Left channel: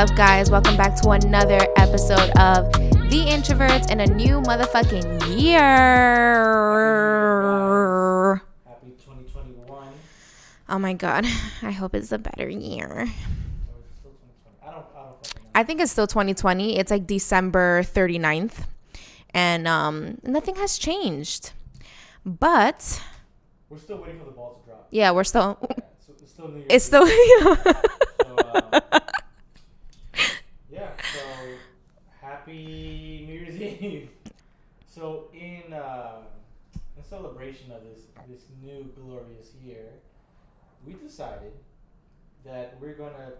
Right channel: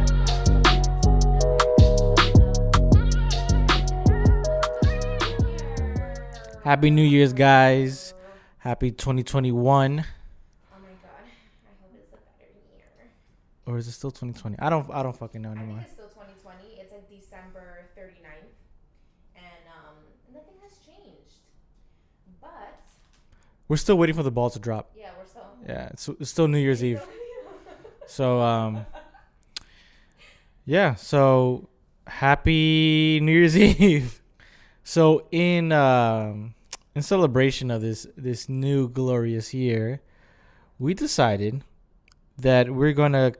up, guys? Welcome back to another episode of The Introverts in a new motherfucking year. Happy New Year's, guys. Happy 2021. Oh my God. I hope it's a better year. Or is it still 2020? I don't fucking know anymore. I think it's still 2020. It's like December 39th. And nothing has changed. But we're still waiting for the ball to drop. yeah, we're still... Yeah, it's still New Year's Eve. So, yeah. So, happy New Year's Eve. So, in celebration of this new glorious year, we decided that we're going to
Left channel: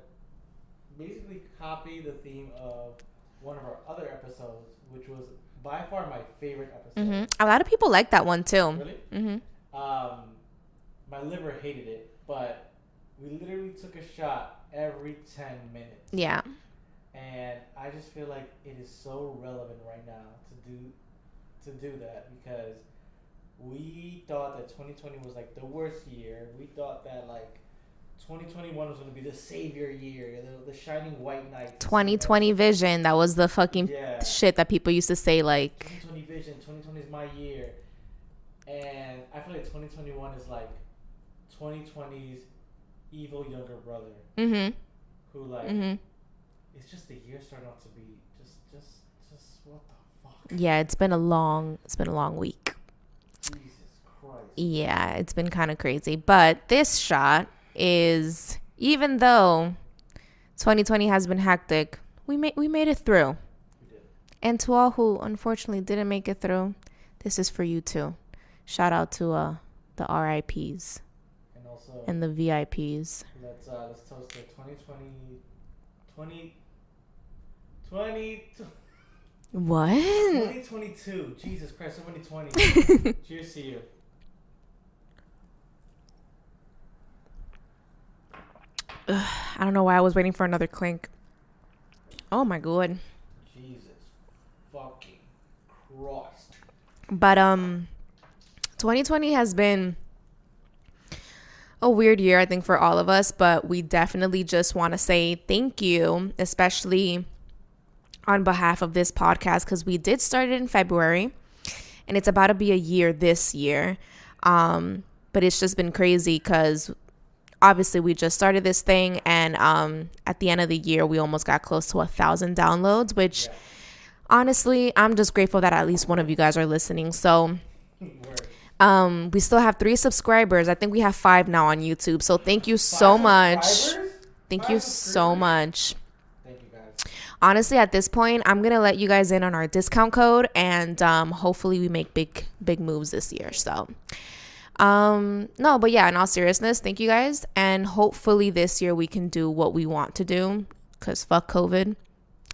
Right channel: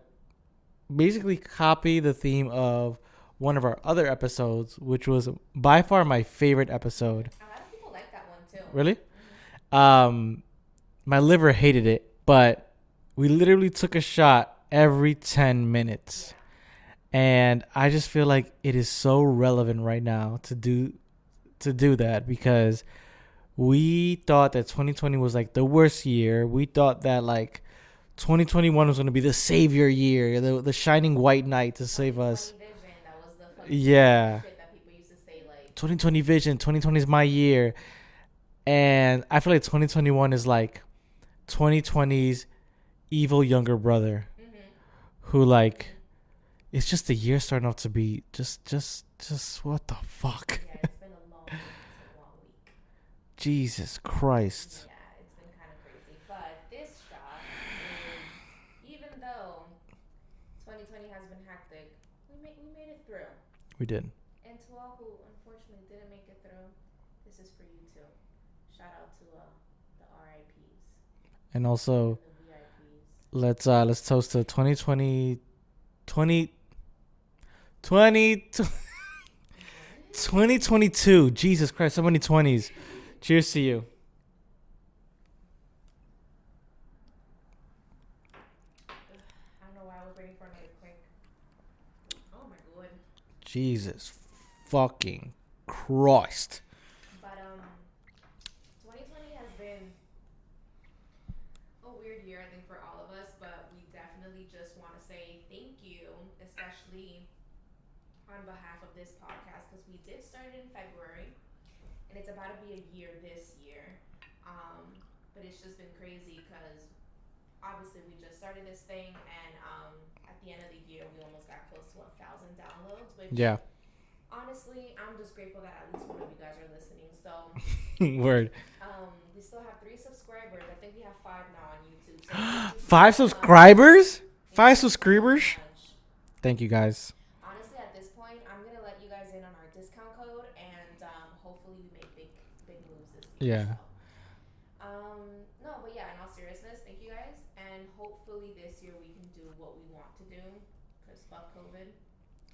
basically copy the theme of one of our other episodes, which was by far my favorite episode. Mm-hmm. A lot of people like that one too. Really? Mm-hmm. My liver hated it, but we literally took a shot every 10 minutes. Yeah. And I just feel like it is so relevant right now to do that, because we thought that 2020 was like the worst year. We thought that like 2021 was going to be the savior year, the shining white knight to 2020 save us. vision. That was the fucking shit that people used to say, like 2020 vision. 2020 is my year. And I feel like 2021 is like 2020's evil younger brother, who like it's just the year starting off to be just what the fuck. Yeah, it's been a long week. Jesus Christ. Yeah, it's been kind of crazy. But this shot is, even though 2020 has been hectic, we made it through. We did. And to all who unfortunately didn't make it through, this is for you too. Shout out to the RIPs. And also, and the VIPs. Let's toast to 2020 What? 2022. Jesus Christ, so many 20s. Cheers to you. Ugh, I don't know why I was waiting for another clink. Oh my God. Jesus fucking Christ. But 2020 has been a weird year, I think, for all of us, but we definitely just want to say thank you, especially on behalf of this podcast, because we did start it in February and it's about to be a year this year. But it's just been crazy because obviously we just started this thing, and at the end of the year we almost got close to 1,000 downloads, which honestly, I'm just grateful that at least one of you guys are listening. So word. We still have 3 subscribers. I think we have 5 now on YouTube. So thank you so much. 5 subscribers? Thank you so much. Thank you, guys. Honestly, at this point, I'm going to let you guys in on our discount code, and hopefully we make big moves this year. Yeah. So, no, but yeah, in all seriousness, thank you guys. And hopefully this year we can do what we want to do, because fuck COVID.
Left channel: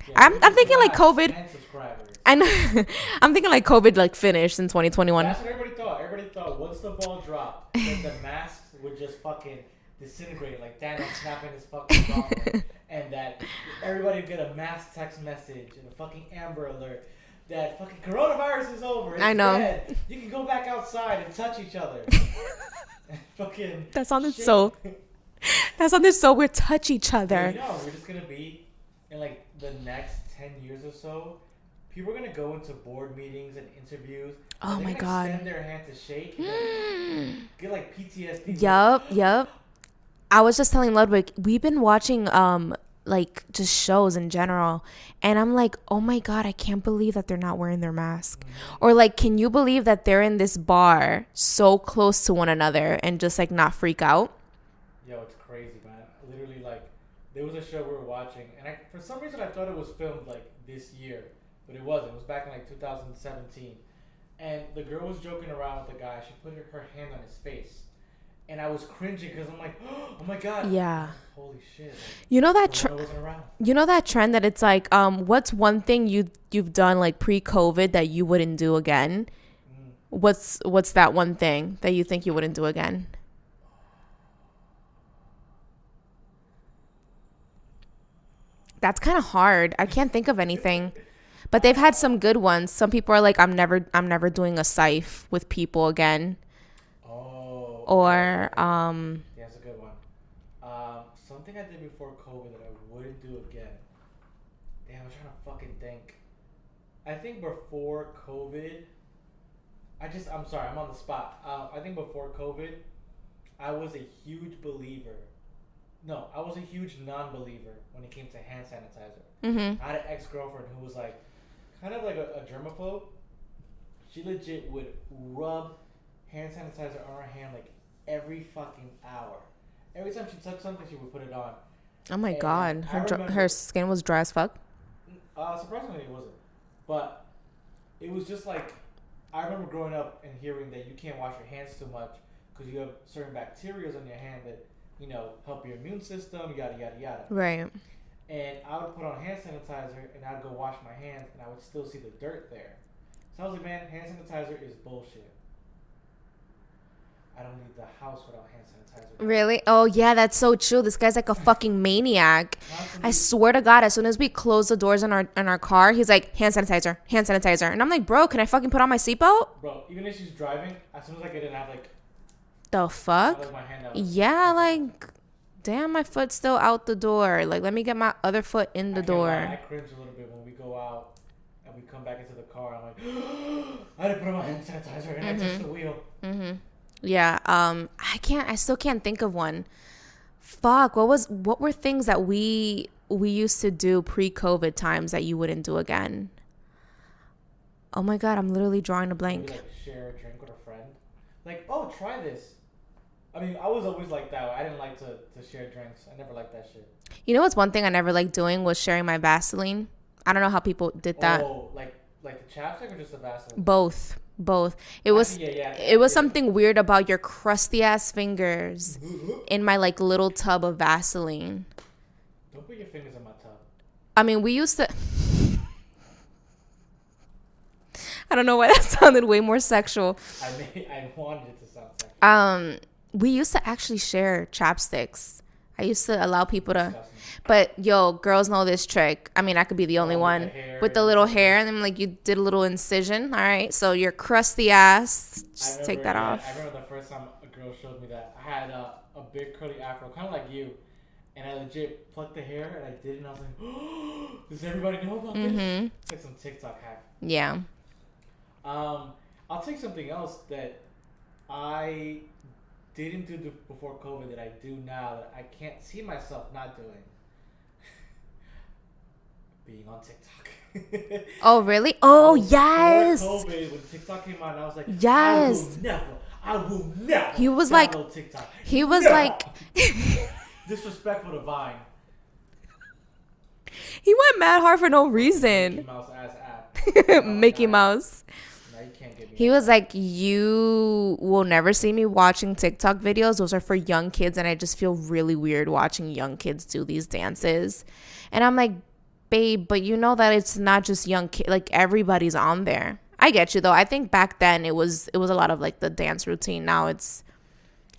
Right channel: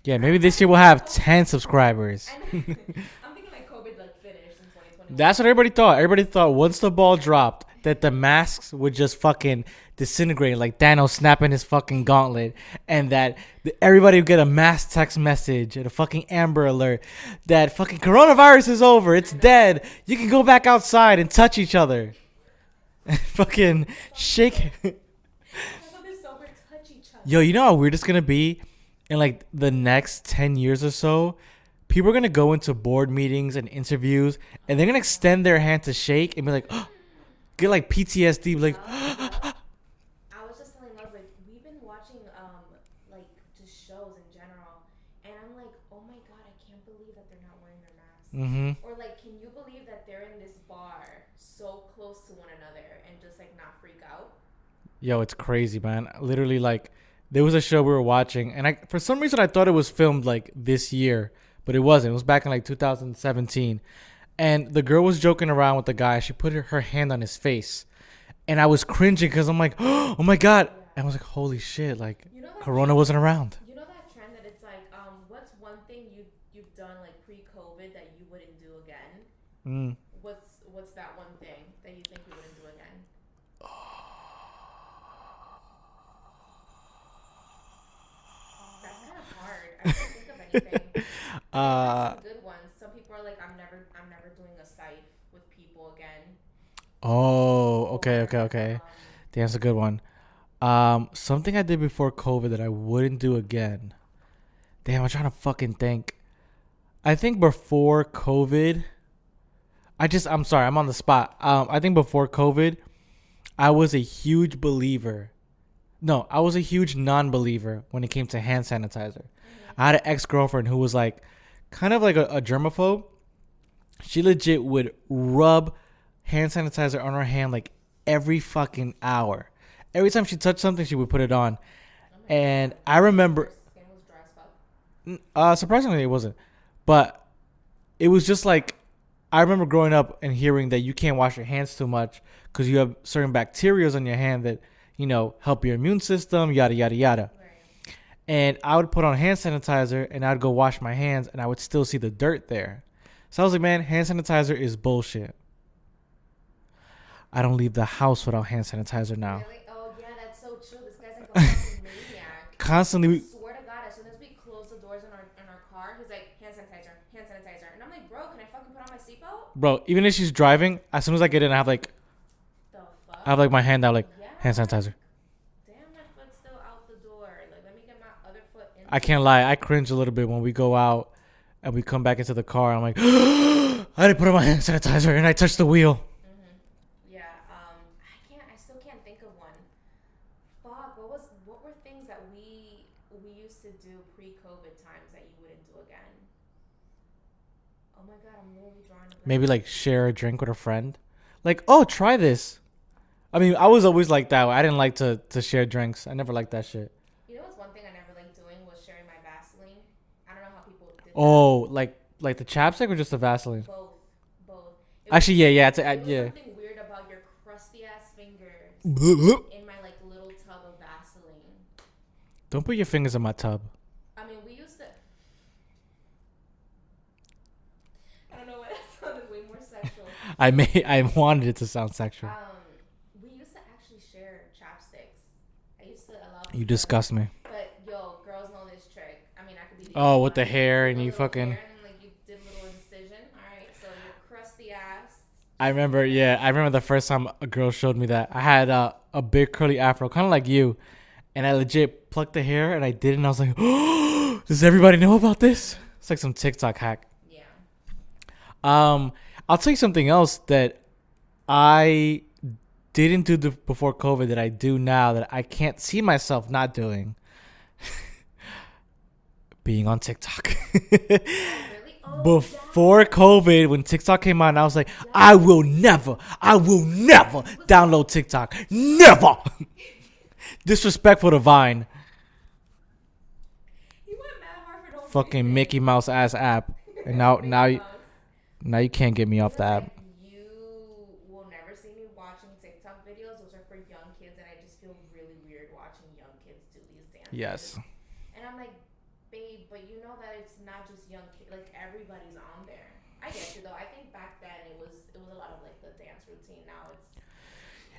Yeah, maybe this year we'll have 10 subscribers. And I'm thinking like COVID like finished in 2021. That's what everybody thought. Everybody thought once the ball dropped that the masks would just fucking disintegrate, like Thanos snapping his fucking gauntlet, and that everybody would get a mass text message and a fucking Amber Alert that fucking coronavirus is over. It's dead. You can go back outside and touch each other. Fucking that sounded so weird. Touch each other. Yo, you know how weird it's gonna be? In like the next 10 years or so, people are going to go into board meetings and interviews, and they're going to extend their hand to shake and be like, get like PTSD. Yup. I was just telling Ludwig, we've been watching like just shows in general, and I'm like, oh my God, I can't believe that they're not wearing their mask. Or like, can you believe that they're in this bar so close to one another and just like not freak out? Yo, it's crazy, man. Literally, like, there was a show we were watching, and for some reason I thought it was filmed like this year, but it wasn't. It was back in like 2017. And the girl was joking around with the guy. She put her hand on his face, and I was cringing because I'm like, oh my God. Yeah. And I was like, holy shit. Like, you know that Corona wasn't around. You know that trend that it's like, what's one thing you've done like pre-COVID that you wouldn't do again? What's that one thing that you think you wouldn't do again? That's kind of hard. I can't think of anything, but they've had some good ones. Some people are like, I'm never doing a siph with people again. Oh, okay. That's a good one. Something I did before COVID that I wouldn't do again. Damn, I'm trying to fucking think. I think before COVID, I'm sorry, I'm on the spot. I think before COVID, I was a huge believer. No, I was a huge non-believer when it came to hand sanitizer. Mm-hmm. I had an ex-girlfriend who was like, kind of like a germaphobe. She legit would rub hand sanitizer on her hand like every fucking hour. Every time she touched something, she would put it on. Oh my And God. I remember her skin was dry as fuck. Surprisingly, it wasn't. But it was just like, I remember growing up and hearing that you can't wash your hands too much because you have certain bacteria on your hand that, you know, help your immune system, yada, yada, yada. Right. And I would put on hand sanitizer and I'd go wash my hands and I would still see the dirt there. So I was like, man, hand sanitizer is bullshit. I don't leave the house without hand sanitizer now. Really? Oh, yeah, that's so true. This guy's like a fucking maniac. Constantly. I swear to God, as soon as we close the doors in our car, he's like, hand sanitizer, hand sanitizer. And I'm like, bro, can I fucking put on my seatbelt? Bro, even if she's driving, as soon as I get in, I have like my hand out like hand sanitizer. Like, damn, my foot's still out the door. Like, let me get my other foot in the door. I can't lie. I cringe a little bit when we go out and we come back into the car. I'm like, I didn't put on my hand sanitizer and I touched the wheel. Mm-hmm. Yeah. I still can't think of one. Fuck. What were things that we used to do pre-COVID times that you wouldn't do again? Oh my God, I'm literally drawing a blank. Maybe like share a drink with a friend. Like, oh, try this. I mean, I was always like that. I didn't like to share drinks. I never liked that shit. You know what's one thing I never liked doing was sharing my Vaseline. I don't know how people did that. Oh, like the chapstick or just the Vaseline? Both. It was something weird about your crusty ass fingers in my like little tub of Vaseline. Don't put your fingers in my tub. I mean, we used to. I don't know why that sounded way more sexual. I wanted it to sound sexual. We used to actually share chapsticks. I used to allow people to disgust me. But yo, girls know this trick. I mean, I could be the only one with the hair, with the little hair, and then like you did a little incision. All right, so your crusty ass. I remember the first time a girl showed me that. I had a big curly afro, kind of like you, and I legit plucked the hair and I did it, and I was like, oh, does everybody know about this? It's like some TikTok hack. Yeah. I'll tell you something else that I didn't do before COVID that I do now that I can't see myself not doing. Being on TikTok. Oh, really? Oh, yes. Before COVID, when TikTok came out, I was like, yes. I will never download TikTok. He was never. Like, disrespectful to Vine. He went mad hard for no fucking reason. Mickey Mouse ass app. Mickey Mouse. Now you can't get me off that. He was like, you will never see me watching TikTok videos. Those are for young kids. And I just feel really weird watching young kids do these dances. Yes. And I'm like, babe, but you know that it's not just young kids. Like, everybody's on there. I get you, though. I think back then it was a lot of, like, the dance routine. Now it's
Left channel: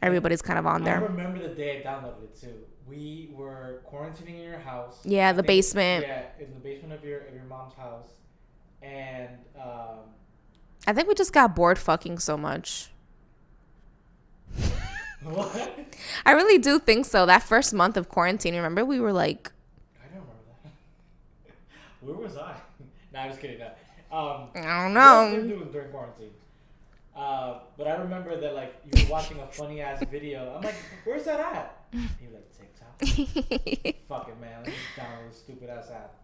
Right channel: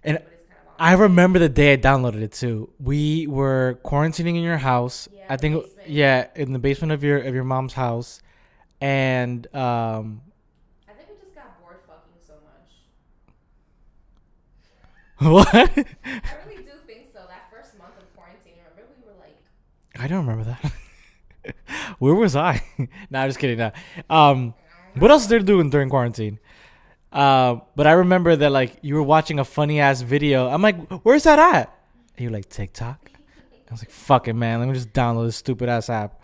everybody's kind of on there. I remember the day I downloaded it, too. We were quarantining in your house. Yeah, the basement. Yeah, in the basement of your mom's house. And I think we just got bored fucking so much. What? I really do think so. That first month of quarantine, remember? We were like... I don't remember that. Where was I? Nah, I'm just kidding. Nah. I don't know. What else did they do during quarantine? But I remember that, like, you were watching a funny-ass video. I'm like, where's that at? And you're like, TikTok? I was like, fuck it, man. Let me just download this stupid-ass app.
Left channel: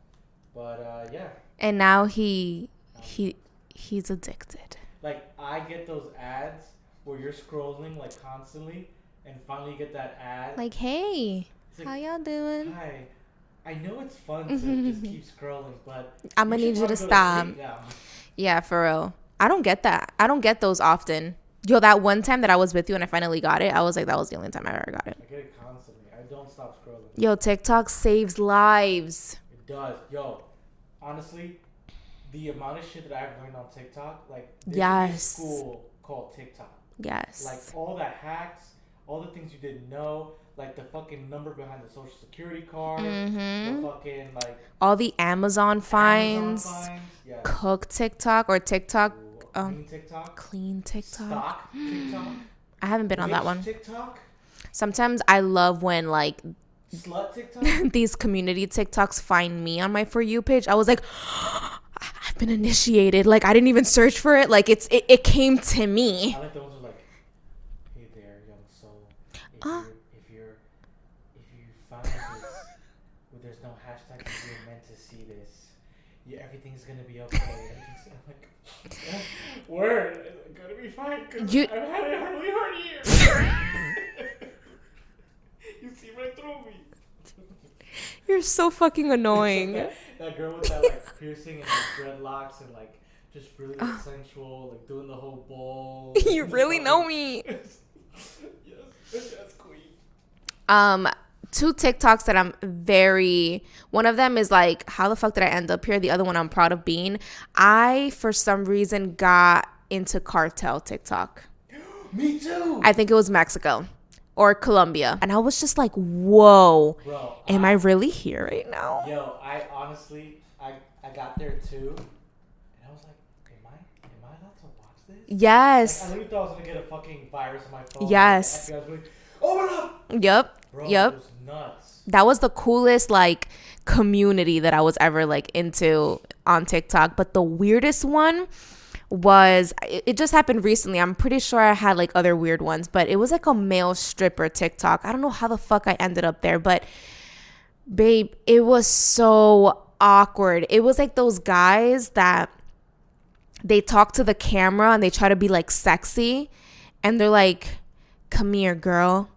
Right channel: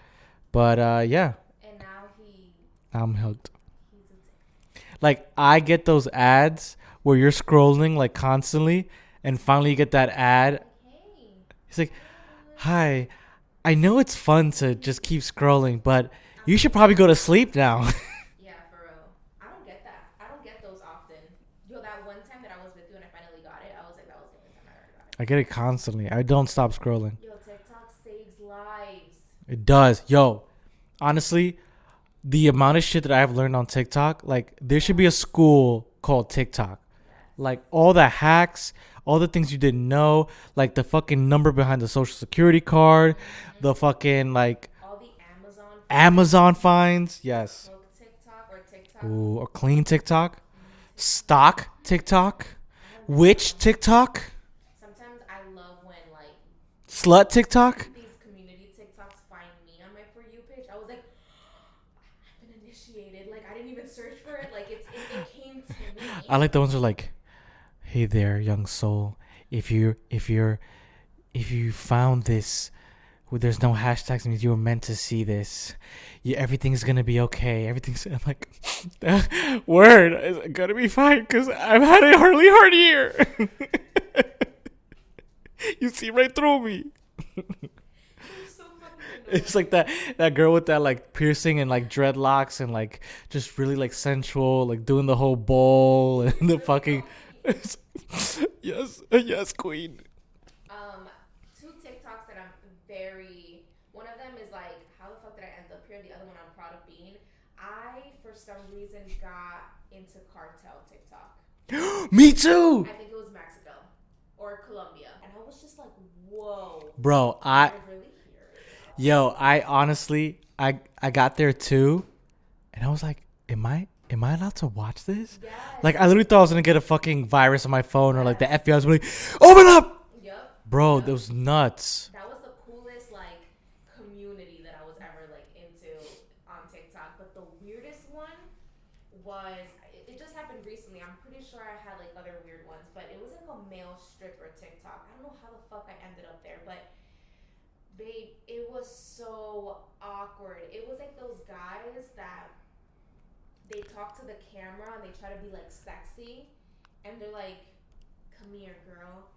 But, yeah. And now I'm hooked. He's addicted. Like, I get those ads where you're scrolling, like, constantly, and finally you get that ad. Like, hey, he's like, how y'all doing? Hi, I know it's fun to just keep scrolling, but you should probably go to sleep now. Yeah, for real. I don't get that. I don't get those often. Yo, that one time that I was with you and I finally got it, I was like, that was the only time I ever got it. I get it constantly. I don't stop scrolling. Yo, TikTok saves lives. It does. Yo, honestly, the amount of shit that I've learned on TikTok, like, there should be a school called TikTok. Yes. Like, all the hacks, all the things you didn't know, like the fucking number behind the social security card, the fucking, like... all the Amazon finds. Yes. Cook TikTok or TikTok. Ooh, or clean TikTok. Clean TikTok. Stock TikTok. I haven't been on that one. TikTok. Sometimes I love when, like, Slut TikTok? these community TikToks find me on my For You page. I was like, I've been initiated. Like, I didn't even search for it. Like, it came to me. I like the ones who are like, hey there, young soul. If you found this, well, there's no hashtags and you were meant to see this. Yeah, everything's gonna be okay. I'm like, word, it's gonna be fine because I've had a really hard year. You see right through me. You're so fucking annoying. It's like that girl with that like piercing and like dreadlocks and like just really like sensual, like doing the whole bowl. You really know me. Yes, queen. Two TikToks that I'm one of them is like, how the fuck did I end up here? The other one I'm proud of being. I, for some reason, got into cartel TikTok. Me too. I think it was Mexico or Colombia. And I was just like, whoa. Bro, am I really here right now? Yo, I honestly, I got there too. And I was like, am I allowed to watch this? Yes. Like, I literally thought I was going to get a fucking virus on my phone. Yes. And like the FBI was like, open up. Yep. Bro, it was nuts. That was the coolest, like, community that I was ever, like, into on TikTok. But the weirdest one was, it just happened recently. I'm pretty sure I had, like, other weird ones. But it was, like, a male stripper TikTok. I don't know how the fuck I ended up there. But, babe, it was so awkward. It was, like, those guys that they talk to the camera and they try to be, like, sexy. And they're like, come here, girl.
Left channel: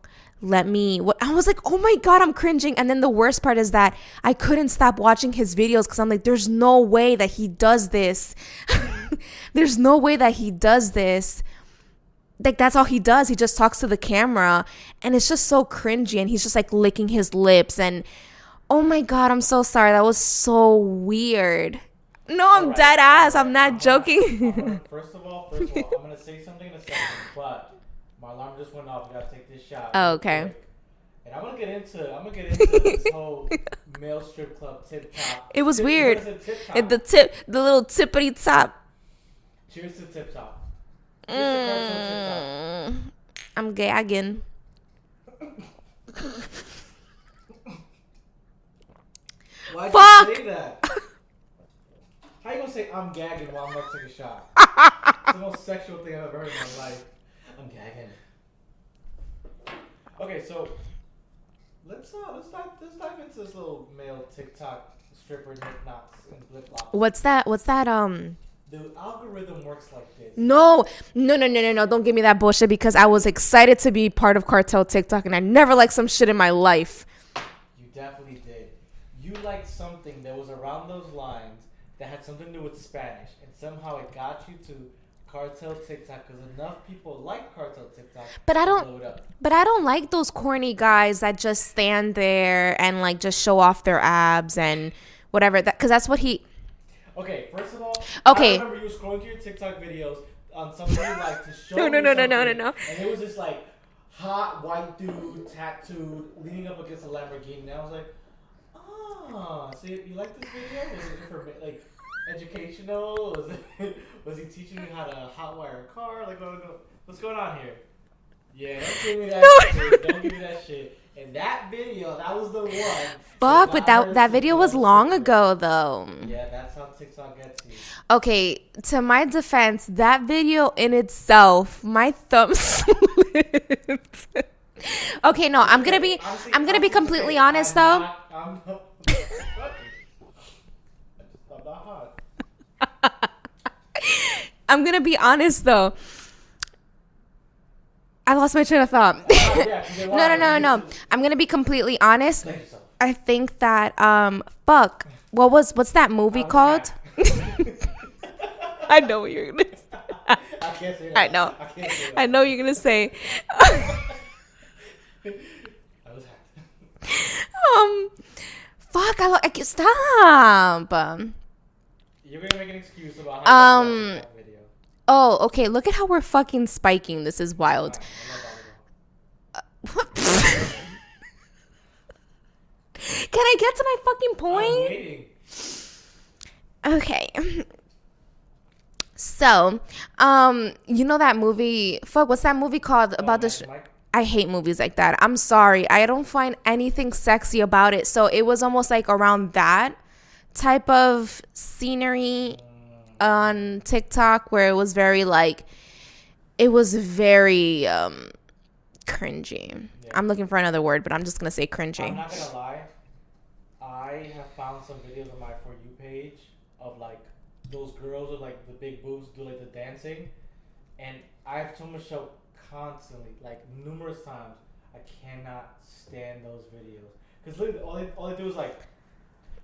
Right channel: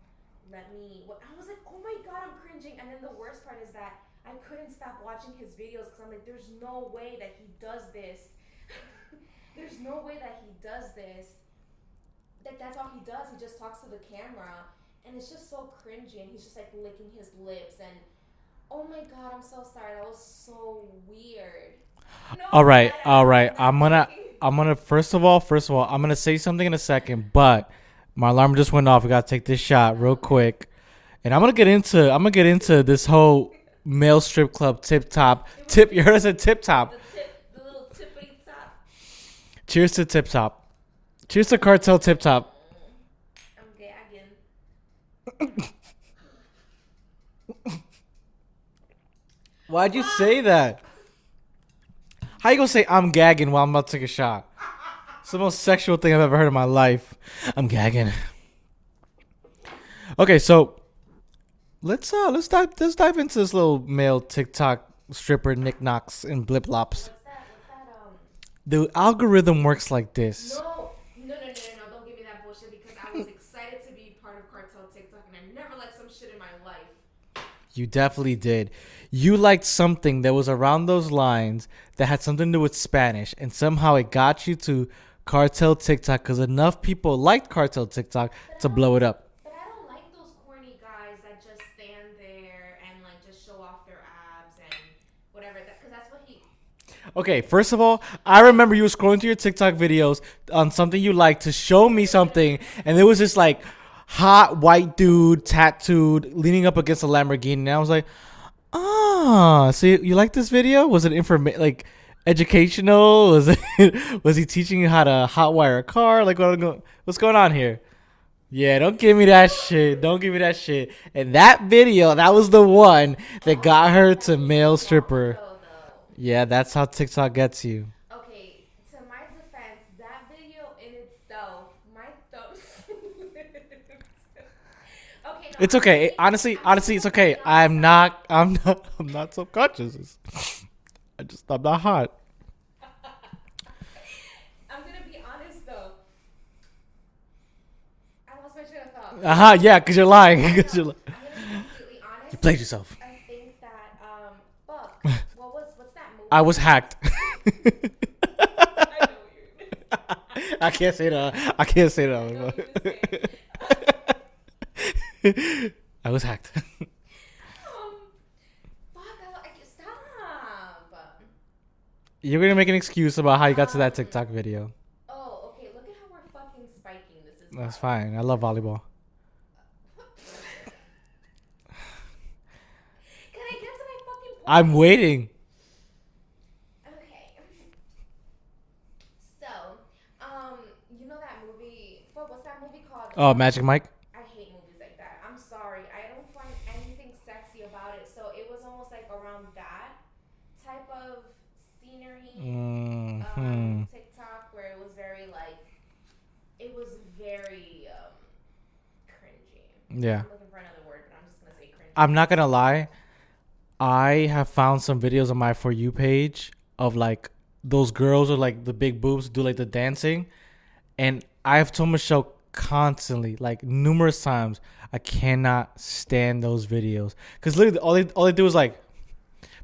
I was like, oh my God, I'm cringing. And then the worst part is that I couldn't stop watching his videos because I'm like, there's no way that he does this. There's no way that he does this. Like, that's all he does. He just talks to the camera and it's just so cringy. And he's just like licking his lips. And oh my God, I'm so sorry. That was so weird. No, I'm dead ass. I'm not joking. I'm gonna first of all, I'm gonna say something in a second, but my alarm just went off. We gotta take this shot real quick, and I'm gonna get into this whole male strip club tip top. It was weird. It's a tip top. The little tippity top. Cheers to tip top. Cheers to cartel tip top. I'm gagging. Why'd you say that? How you gonna say I'm gagging while I'm about to take a shot? It's the most sexual thing I've ever heard in my life. I'm gagging. Okay, so let's dive into this little male TikTok stripper knickknacks and blip lops. What's that? The algorithm works like this. No. Don't give me that bullshit because I was excited to be part of cartel TikTok and I never liked some shit in my life. You definitely did. You liked something that was around those lines that had something to do with Spanish, and somehow it got you to cartel TikTok because enough people liked cartel TikTok to blow it up. But I don't like those corny guys that just stand there and like just show off their abs and whatever. Because that's what he. Okay, first of all, I remember you were scrolling through your TikTok videos on something you liked to show me something, and there was this like hot white dude tattooed leaning up against a Lamborghini, and I was like, so you like this video? Was it educational? Was he teaching you how to hotwire a car? Like, what's going on here? Yeah, don't give me that shit. Don't give me that shit. And that video, that was the one that got her to that video male was long stripper. ago, though. Yeah, that's how TikTok gets you. Okay, to my defense, that video in itself, my thumb slipped. Okay, no, it's I'm okay. gonna be honestly, I'm gonna be completely okay. honest. I'm not self-conscious. I'm not hot. I'm gonna be honest though. I lost my train of thought. Yeah, because you're lying. No. I'm gonna be completely honest. Blame yourself. I think that what's that movie called? I was hacked. I know what you're gonna say. I can't say that. I know. I can't say that. I know you're gonna say. I was hacked. I can't stop. You're gonna make an excuse about how you got to that TikTok video. Oh, okay. Look at how we're fucking spiking. This is wild. Fine. I love volleyball. Can I get to my fucking point? I'm waiting. Okay. So, you know that movie? Fuck, what's that movie called? Magic Mike. I hate movies like that. I'm sorry. I don't find anything sexy about it. So it was almost like around that type of scenery on TikTok where it was very like, it was very cringy. Yeah. I'm looking for another word, but I'm just going to say cringy. I'm not going to lie. I have found some videos on my For You page of like those girls with like the big boobs do like the dancing. And I have told Michelle constantly, like numerous times, I cannot stand those videos. Because literally all they do is like,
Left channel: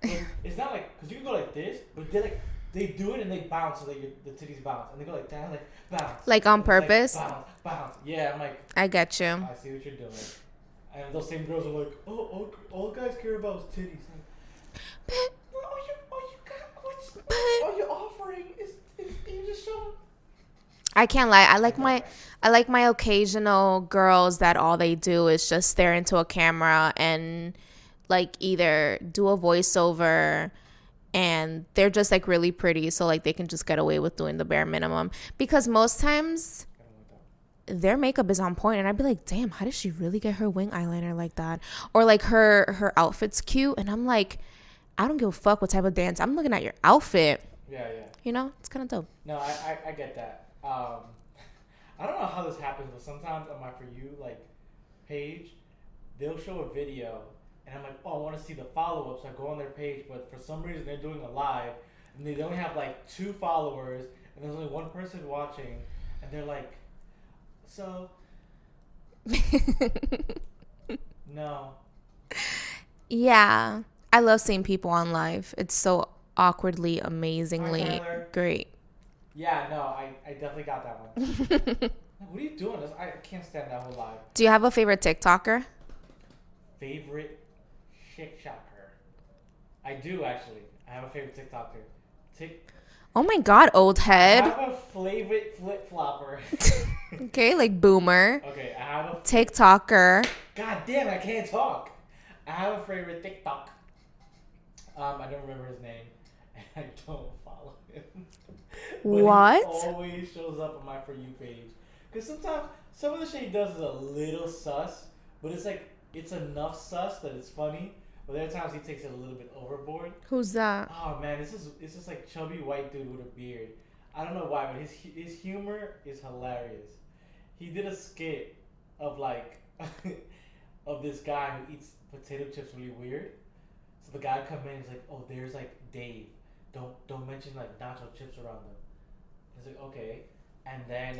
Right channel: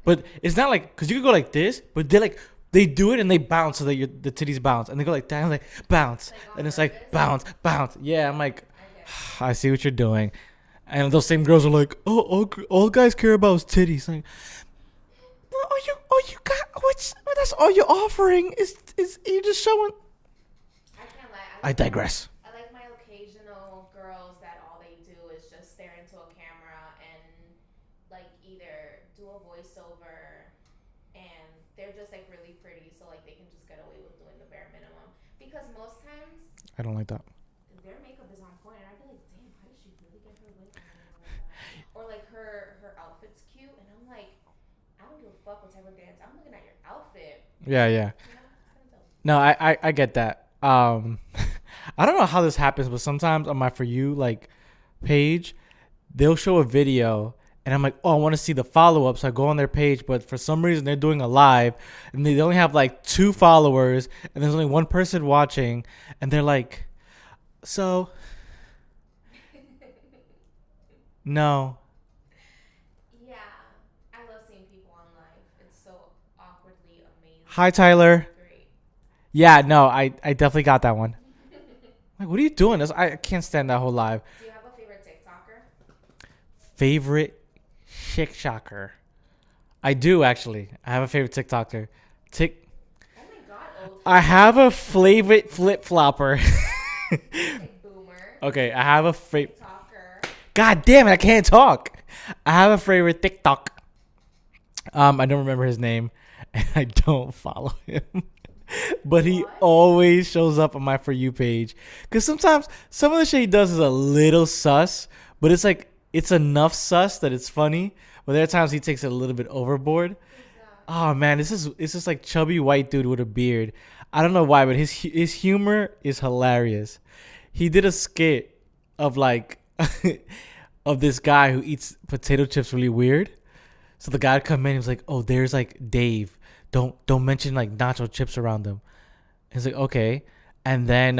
but it's not like, because you can go like this, but they do it and they bounce so that the titties bounce. And they go like that and like bounce. Like on purpose? Like, bounce. Yeah, I'm like, I get you. I see what you're doing. And those same girls are like, oh, all guys care about is titties. Like, what's all you're offering is you just showing. I can't lie. I like my occasional girls that all they do is just stare into a camera and like either do a voiceover, and they're just like really pretty, so like they can just get away with doing the bare minimum. Because most times I don't like that. Their makeup is on point, and I'd be like, damn, how did she really get her wing eyeliner like that? Or like her outfit's cute, and I'm like, I don't give a fuck what type of dance. I'm looking at your outfit. Yeah. You know, it's kind of dope. No, I get that. I don't know how this happens, but sometimes on my For You like page, they'll show a video and I'm like, oh, I want to see the follow-up. So I go on their page, but for some reason they're doing a live and they only have like 2 followers and there's only 1 person watching and they're like, so no. Yeah. I love seeing people on live. It's so awkwardly amazing. Hi, Tyler. Great. Yeah, no, I definitely got that one. Like, what are you doing? I can't stand that whole live. Do you have a favorite TikToker? Favorite TikToker? I do, actually. I have a favorite TikToker. Oh my God, old head. I have a favorite flip-flopper. Okay, like boomer. Okay, I have a TikToker. God damn it, I can't talk. I have a favorite TikTok. I don't remember his name, and I don't follow him. But what? He always shows up on my For You page. Because sometimes some of the shit he does is a little sus, but it's like, it's enough sus that it's funny. But there are times he takes it a little bit overboard. Who's that? Oh man, it's just like chubby white dude with a beard. I don't know why, but his humor is hilarious. He did a skit of like of this guy who eats potato chips really weird. So the guy would come in and was like, oh, there's like Dave. Don't mention like nacho chips around them. He's like, okay. And then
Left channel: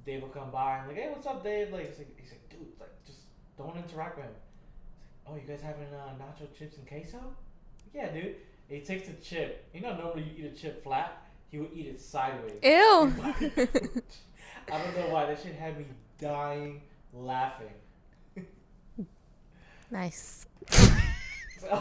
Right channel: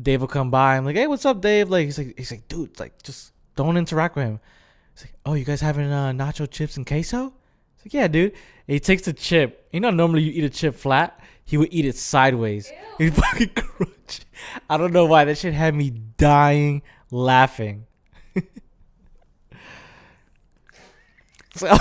Dave will come by. I'm like, hey, what's up, Dave? Like he's like, dude, like just don't interact with him. He's like, oh, you guys having nacho chips and queso? He's like, yeah, dude. And he takes the chip. You know, normally you eat a chip flat. He would eat it sideways. Ew. I don't know why. That shit had me dying laughing. Nice. So,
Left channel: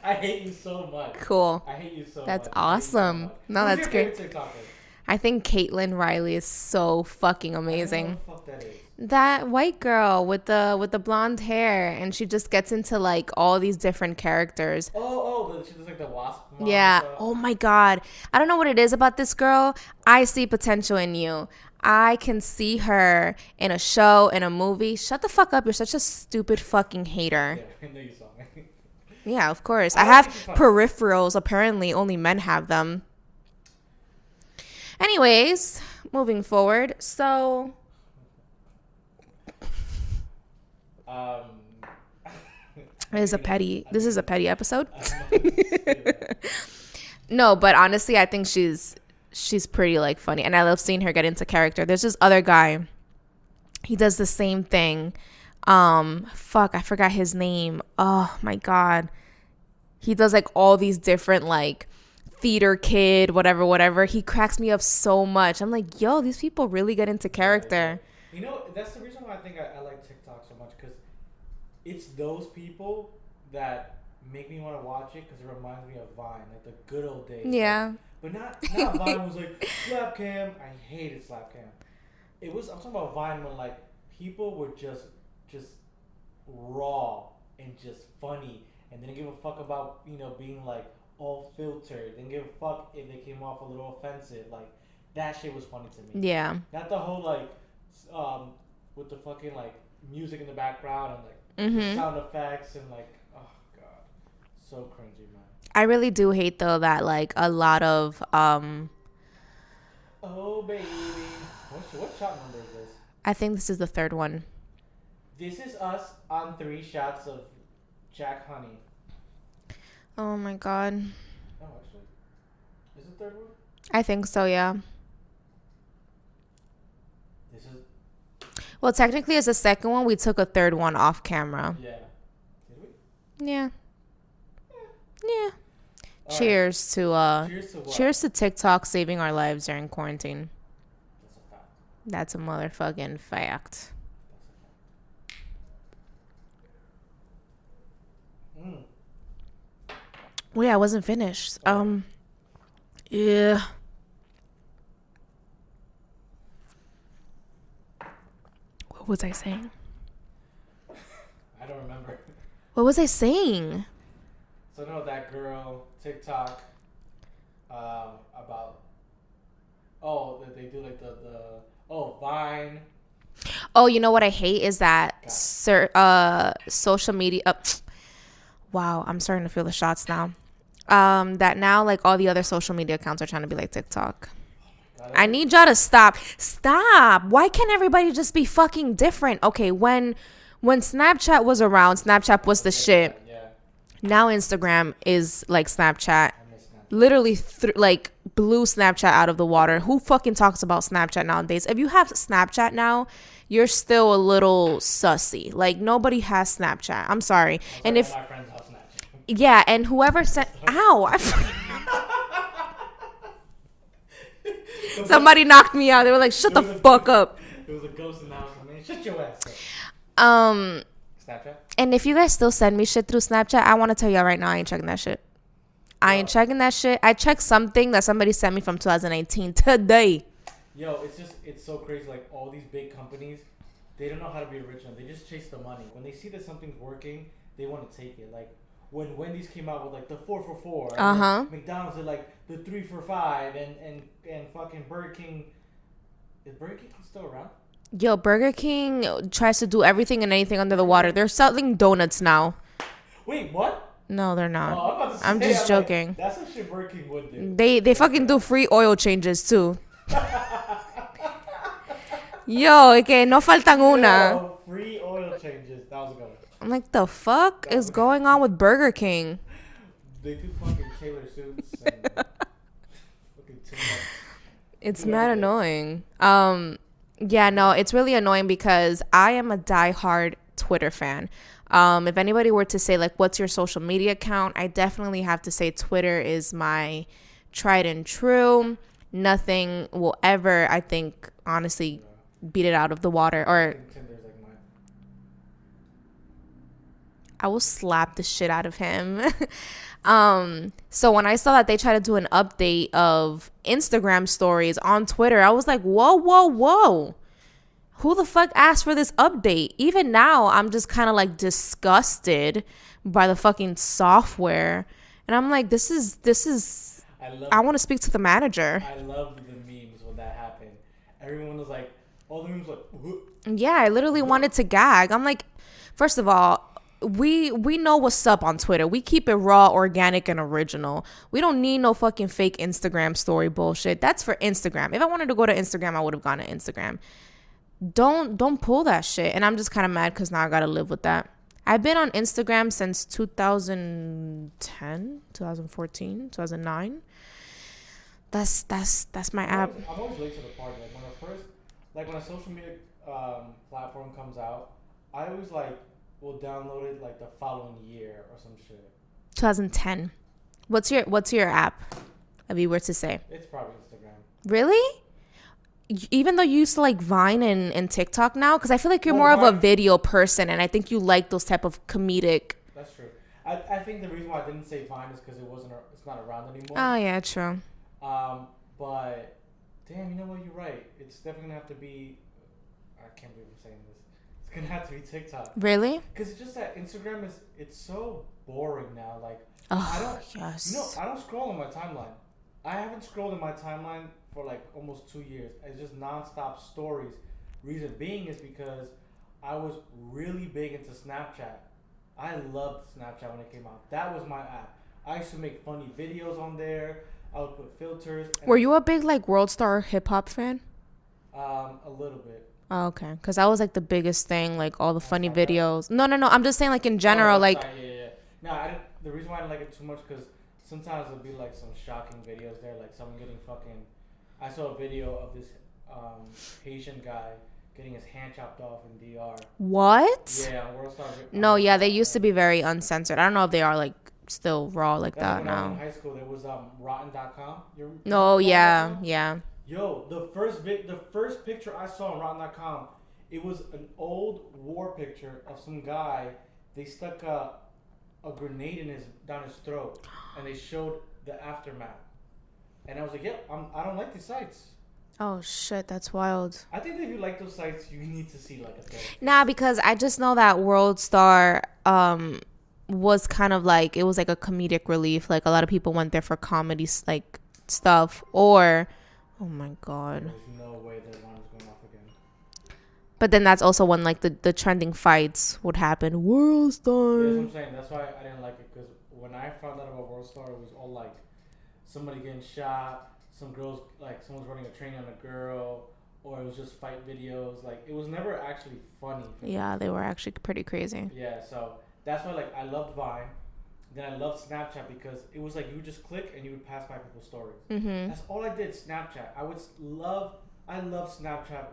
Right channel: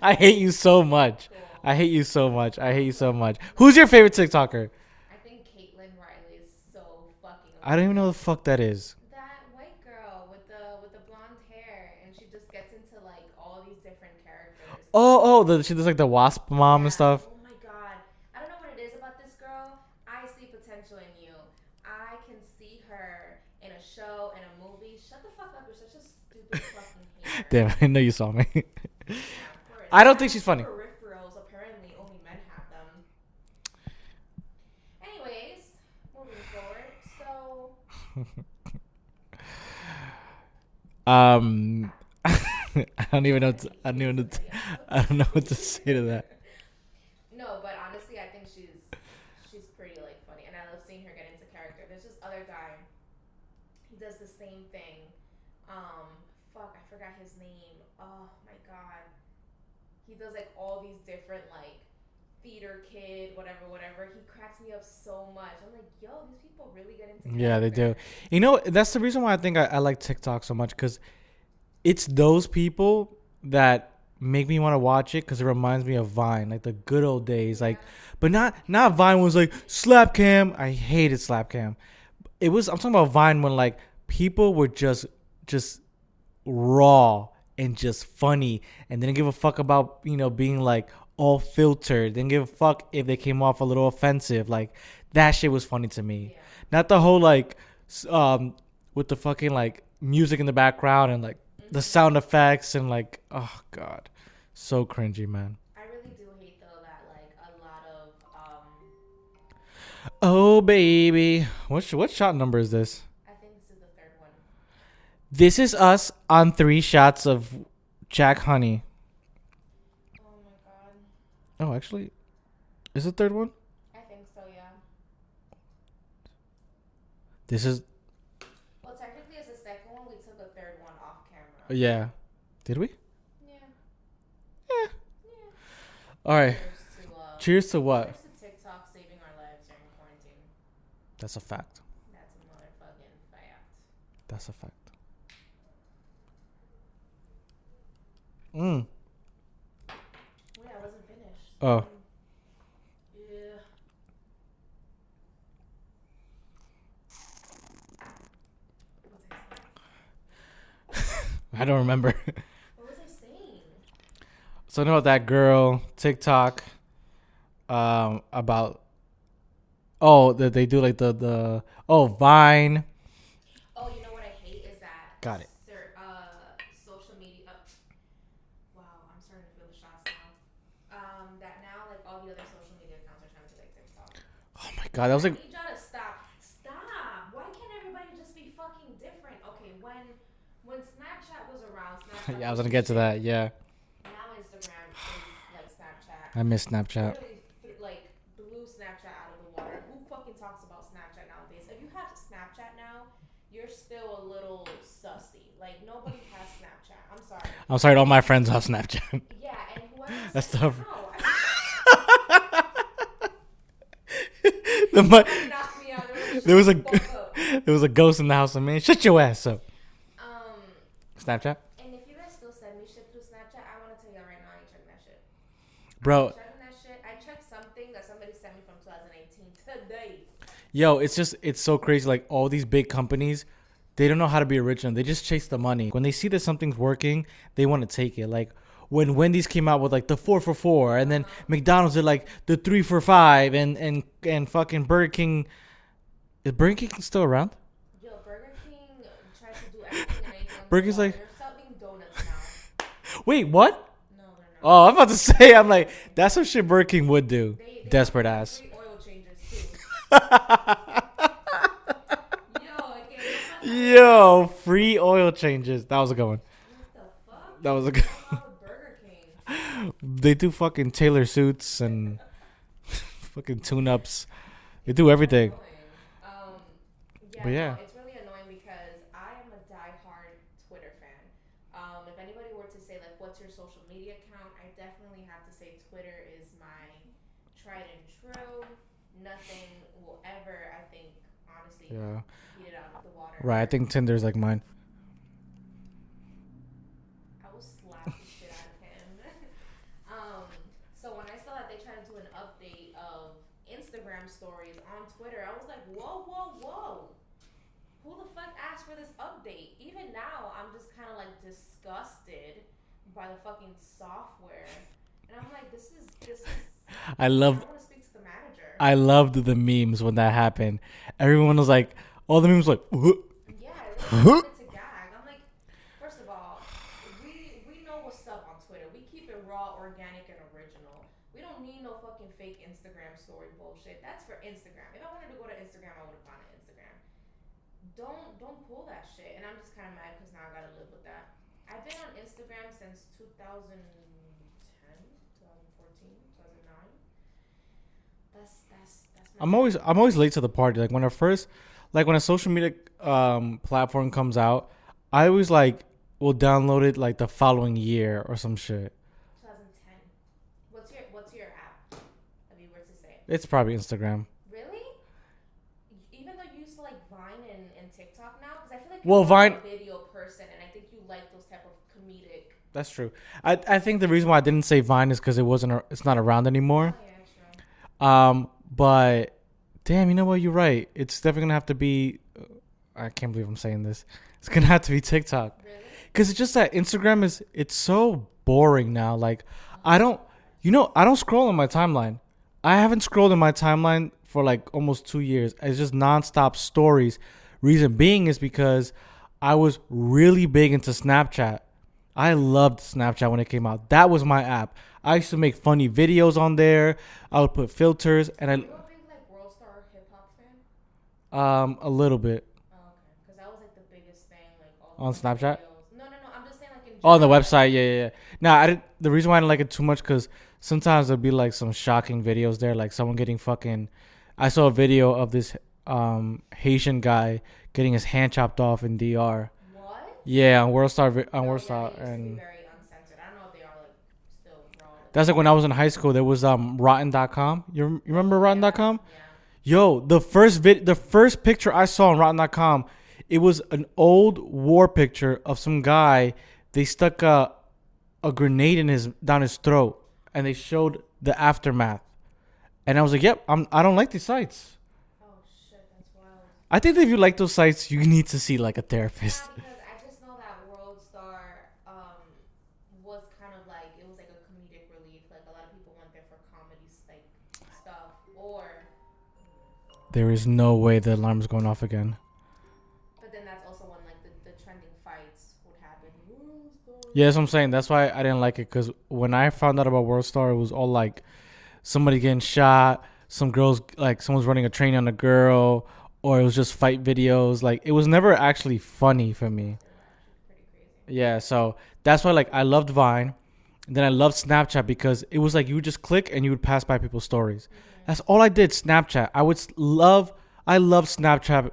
I hate you so much. Cool. I hate you so much. Awesome. I hate you so much. No, Who's your favorite TikToker? I think Caitlin Riley is so fucking amazing. I don't know what the fuck that is. That white girl with the blonde hair, and she just gets into like all these different characters. She does like the wasp mom and stuff. Oh my God. I don't know what it is about this girl. I see potential in you. I can see her in a show, in a movie. Shut the fuck up. You're such a stupid fucking hater. Damn, I know you saw me. Yeah, of course. I don't think she's funny. Peripherals. Apparently, only men have them. Anyways, moving forward. So, this is a petty episode. I don't know what to say to that. No, but honestly, I think she's pretty like funny, and I love seeing her get into character. There's this other guy. He does the same thing. I forgot his name. Oh my God. He does like all these different like theater kid, whatever. He cracks me up so much. I'm like, yo, these people really get into character. Yeah, you know, that's the reason why I think I like TikTok so much, because it's those people that make me want to watch it, because it reminds me of Vine, like the good old days. Yeah. Like, but not Vine was like slap cam. I hated slap cam. I'm talking about Vine when like people were just raw and just funny and didn't give a fuck about, you know, being like all filtered. Didn't give a fuck if they came off a little offensive. Like that shit was funny to me. Yeah. Not the whole like with the fucking like music in the background and like the sound effects and like, oh god, so cringy, man. I really do hate though that like a lot of Oh baby, what shot number is this? I think this is the third one. This is us on 3 shots of Jack Honey. Oh my god. Oh, actually, is the third one? I think so, yeah. This is. Well, technically, it's the second one. We took a third one off camera. Yeah. Did we? Yeah. Yeah. All cheers right. to cheers to what? Cheers to TikTok saving our lives during quarantine. That's a fact. That's a motherfucking fact. That's a fact. Mm. Well, yeah, I wasn't finished. Oh. Yeah. What was I saying? I don't remember. What was I saying? So I know that girl TikTok about that they do like the Vine. Oh, you know what I hate is that social media. Wow, I'm starting to feel the shots now. That now like all the other social media accounts are trying to be like TikTok. Oh my god! I need y'all to stop. Why can't everybody just be fucking different? Okay, when Snapchat was around, Snapchat was the shit. Yeah. Now Instagram is like Snapchat. I miss Snapchat. Literally like blew Snapchat out of the water. Who fucking talks about Snapchat nowadays? If you have Snapchat now, you're still a little sussy. Like nobody has Snapchat. I'm sorry. I'm sorry, all my friends have Snapchat. Yeah, and whoever said, ow. Somebody knocked me out. They were like, shut the fuck up. There was a ghost in the house. Man, shut your ass up. Snapchat? And if you guys still send me shit through Snapchat, I want to tell y'all right now, I ain't checking that shit. I ain't checking that shit. I checked something that somebody sent me from 2019 today. Yo, it's so crazy. Like all these big companies, they don't know how to be original. They just chase the money. When they see that something's working, they want to take it. Like when Wendy's came out with like the 4 for $4, and then McDonald's did like the 3 for $5, and fucking Burger King. Is Burger King still around? Yo, Burger King tries to do everything and anything under the water. Like, they're selling donuts now. Wait, what? No, they're not. Oh, I'm about to say, I'm joking. Like, that's some shit Burger King would do. They fucking do free oil changes too. Yo, okay, no faltan una. Yo, free oil changes. That was a good one. I'm like, the fuck is going on with Burger King? They do fucking tailor suits and fucking tune-ups. They It's do everything. Annoying. Yeah, no, it's really annoying because I am a diehard Twitter fan. If anybody were to say, like, what's your social media account? I definitely have to say Twitter is my tried and true. Nothing will ever, I think, honestly, beat it out of the water. Yeah, I think Tinder's like mine. I will slap the shit out of him. So when I saw that they tried to do an update of Instagram stories on Twitter, I was like, whoa. Who the fuck asked for this update? Even now, I'm just kind of like disgusted by the fucking software. And I'm like, this is I want to speak to the manager. I loved the memes when that happened. Everyone was like, all the memes were like, yeah, I literally wanted to gag. I'm like, first of all, we know what's up on Twitter. We keep it raw, organic, and original. We don't need no fucking fake Instagram story bullshit. That's for Instagram. If I wanted to go to Instagram, I would have gone to Instagram. Don't pull that shit. And I'm just kind of mad because now I gotta live with that. I've been on Instagram since 2010, 2014, 2009. That's my app. I'm always late to the party. Like when a social media platform comes out, I always like will download it like the following year or some shit. 2010. What's your app? If you were to say, it's probably Instagram. Really? Even though you used to like Vine and TikTok now, because I feel like you're more of a video person, and I think you like those type of comedic. That's true. I think the reason why I didn't say Vine is because it's not around anymore. Oh yeah, true. But damn, you know what? You're right. It's definitely gonna have to be. I can't believe I'm saying this. It's gonna have to be TikTok. Really? Because it's just that Instagram it's so boring now. Like I don't scroll on my timeline. I haven't scrolled in my timeline for like almost 2 years. It's just nonstop stories, Reason being is because I was really big into Snapchat. I loved Snapchat when it came out. That was my app. I used to make funny videos on there. I would put filters. And Were you a big like World Star hip hop fan? A little bit. Oh, okay, because that was like the biggest thing, like all the On funny Snapchat? videos. No, I'm just saying like in Oh, general, the website. like Yeah. No, I didn't. The reason why I didn't like it too much because sometimes there'll be like some shocking videos there, like someone getting fucking. I saw a video of this Haitian guy getting his hand chopped off in DR. what? Yeah, on World Star. No, World yeah, Star, they used to be and very uncensored. I don't know if they are like still raw like That's that like when I was in now. high school. There was rotten.com. You No, remember yeah, rotten.com? yeah. Yo, the first picture I saw on rotten.com, it was an old war picture of some guy. They stuck a grenade in down his throat, and they showed the aftermath. And I was like, "Yep, I don't like these sites." Oh shit, that's wild. I think that if you like those sites, you need to see like a therapist. Nah, because I just know that World Star was kind of like, it was like a comedic relief. Like a lot of people went there for comedy like stuff, or oh my god. There is no way the alarm's going off again. But then that's also when like the trending fights would happen. World Star. Yeah, that's what I'm saying. That's why I didn't like it, because when I found out about World Star, it was all like somebody getting shot, some girls, like someone's running a train on a girl, or it was just fight videos. Like it was never actually funny for me. Yeah, they were actually pretty crazy. Yeah, so that's why like I loved Vine. Then I loved Snapchat because it was like you would just click and you would pass by people's stories. Mm-hmm. That's all I did. Snapchat. I love Snapchat.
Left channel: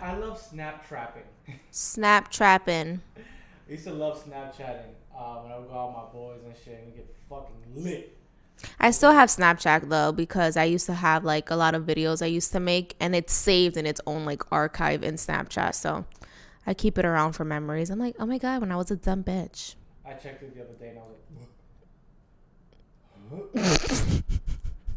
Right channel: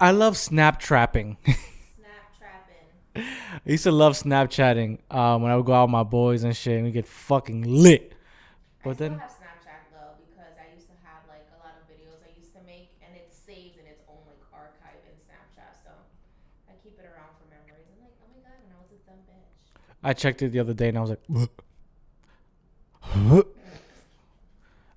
I love snap trapping. Snap trapping. I used to love Snapchatting when I would go out with my boys and shit and we get fucking lit. I still have Snapchat though, because I used to have like a lot of videos I used to make, and it's saved in its own like archive in Snapchat. So I keep it around for memories. I'm like, oh my god, when I was a dumb bitch. I checked it the other day and I was like,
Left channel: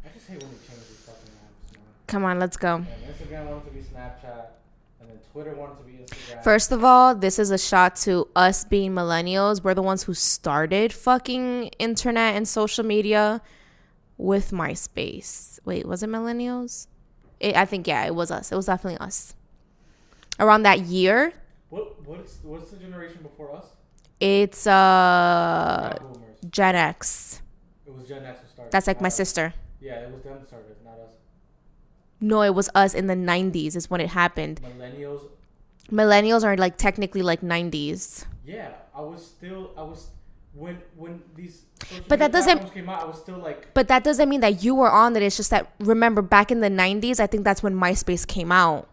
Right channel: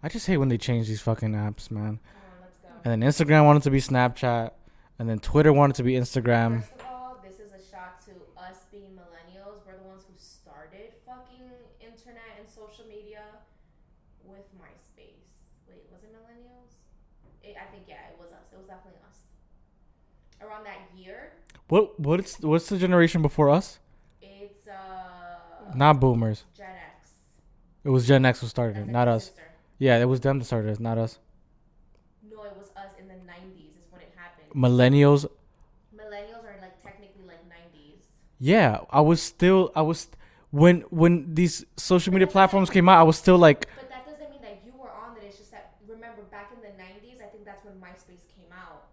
I just hate when they change these fucking apps, man. Come on, let's go. And then Instagram wanted to be Snapchat. And then Twitter wanted to be Instagram. First of all, this is a shot to us being millennials. We're the ones who started fucking internet and social media with MySpace. Wait, was it millennials? I think, yeah, it was us. It was definitely us. Around that year. What's the generation before us? It's not boomers. Gen X. It was Gen X who started. That's like my us. sister. Yeah, it was them that started it, not us. No, it was us in the 90s is when it happened. Millennials Are like technically like 90s. Yeah, I was when these social media platforms came out, I was still like. But that doesn't mean that you were on it. It's just that, remember, back in the 90s, I think that's when MySpace came out.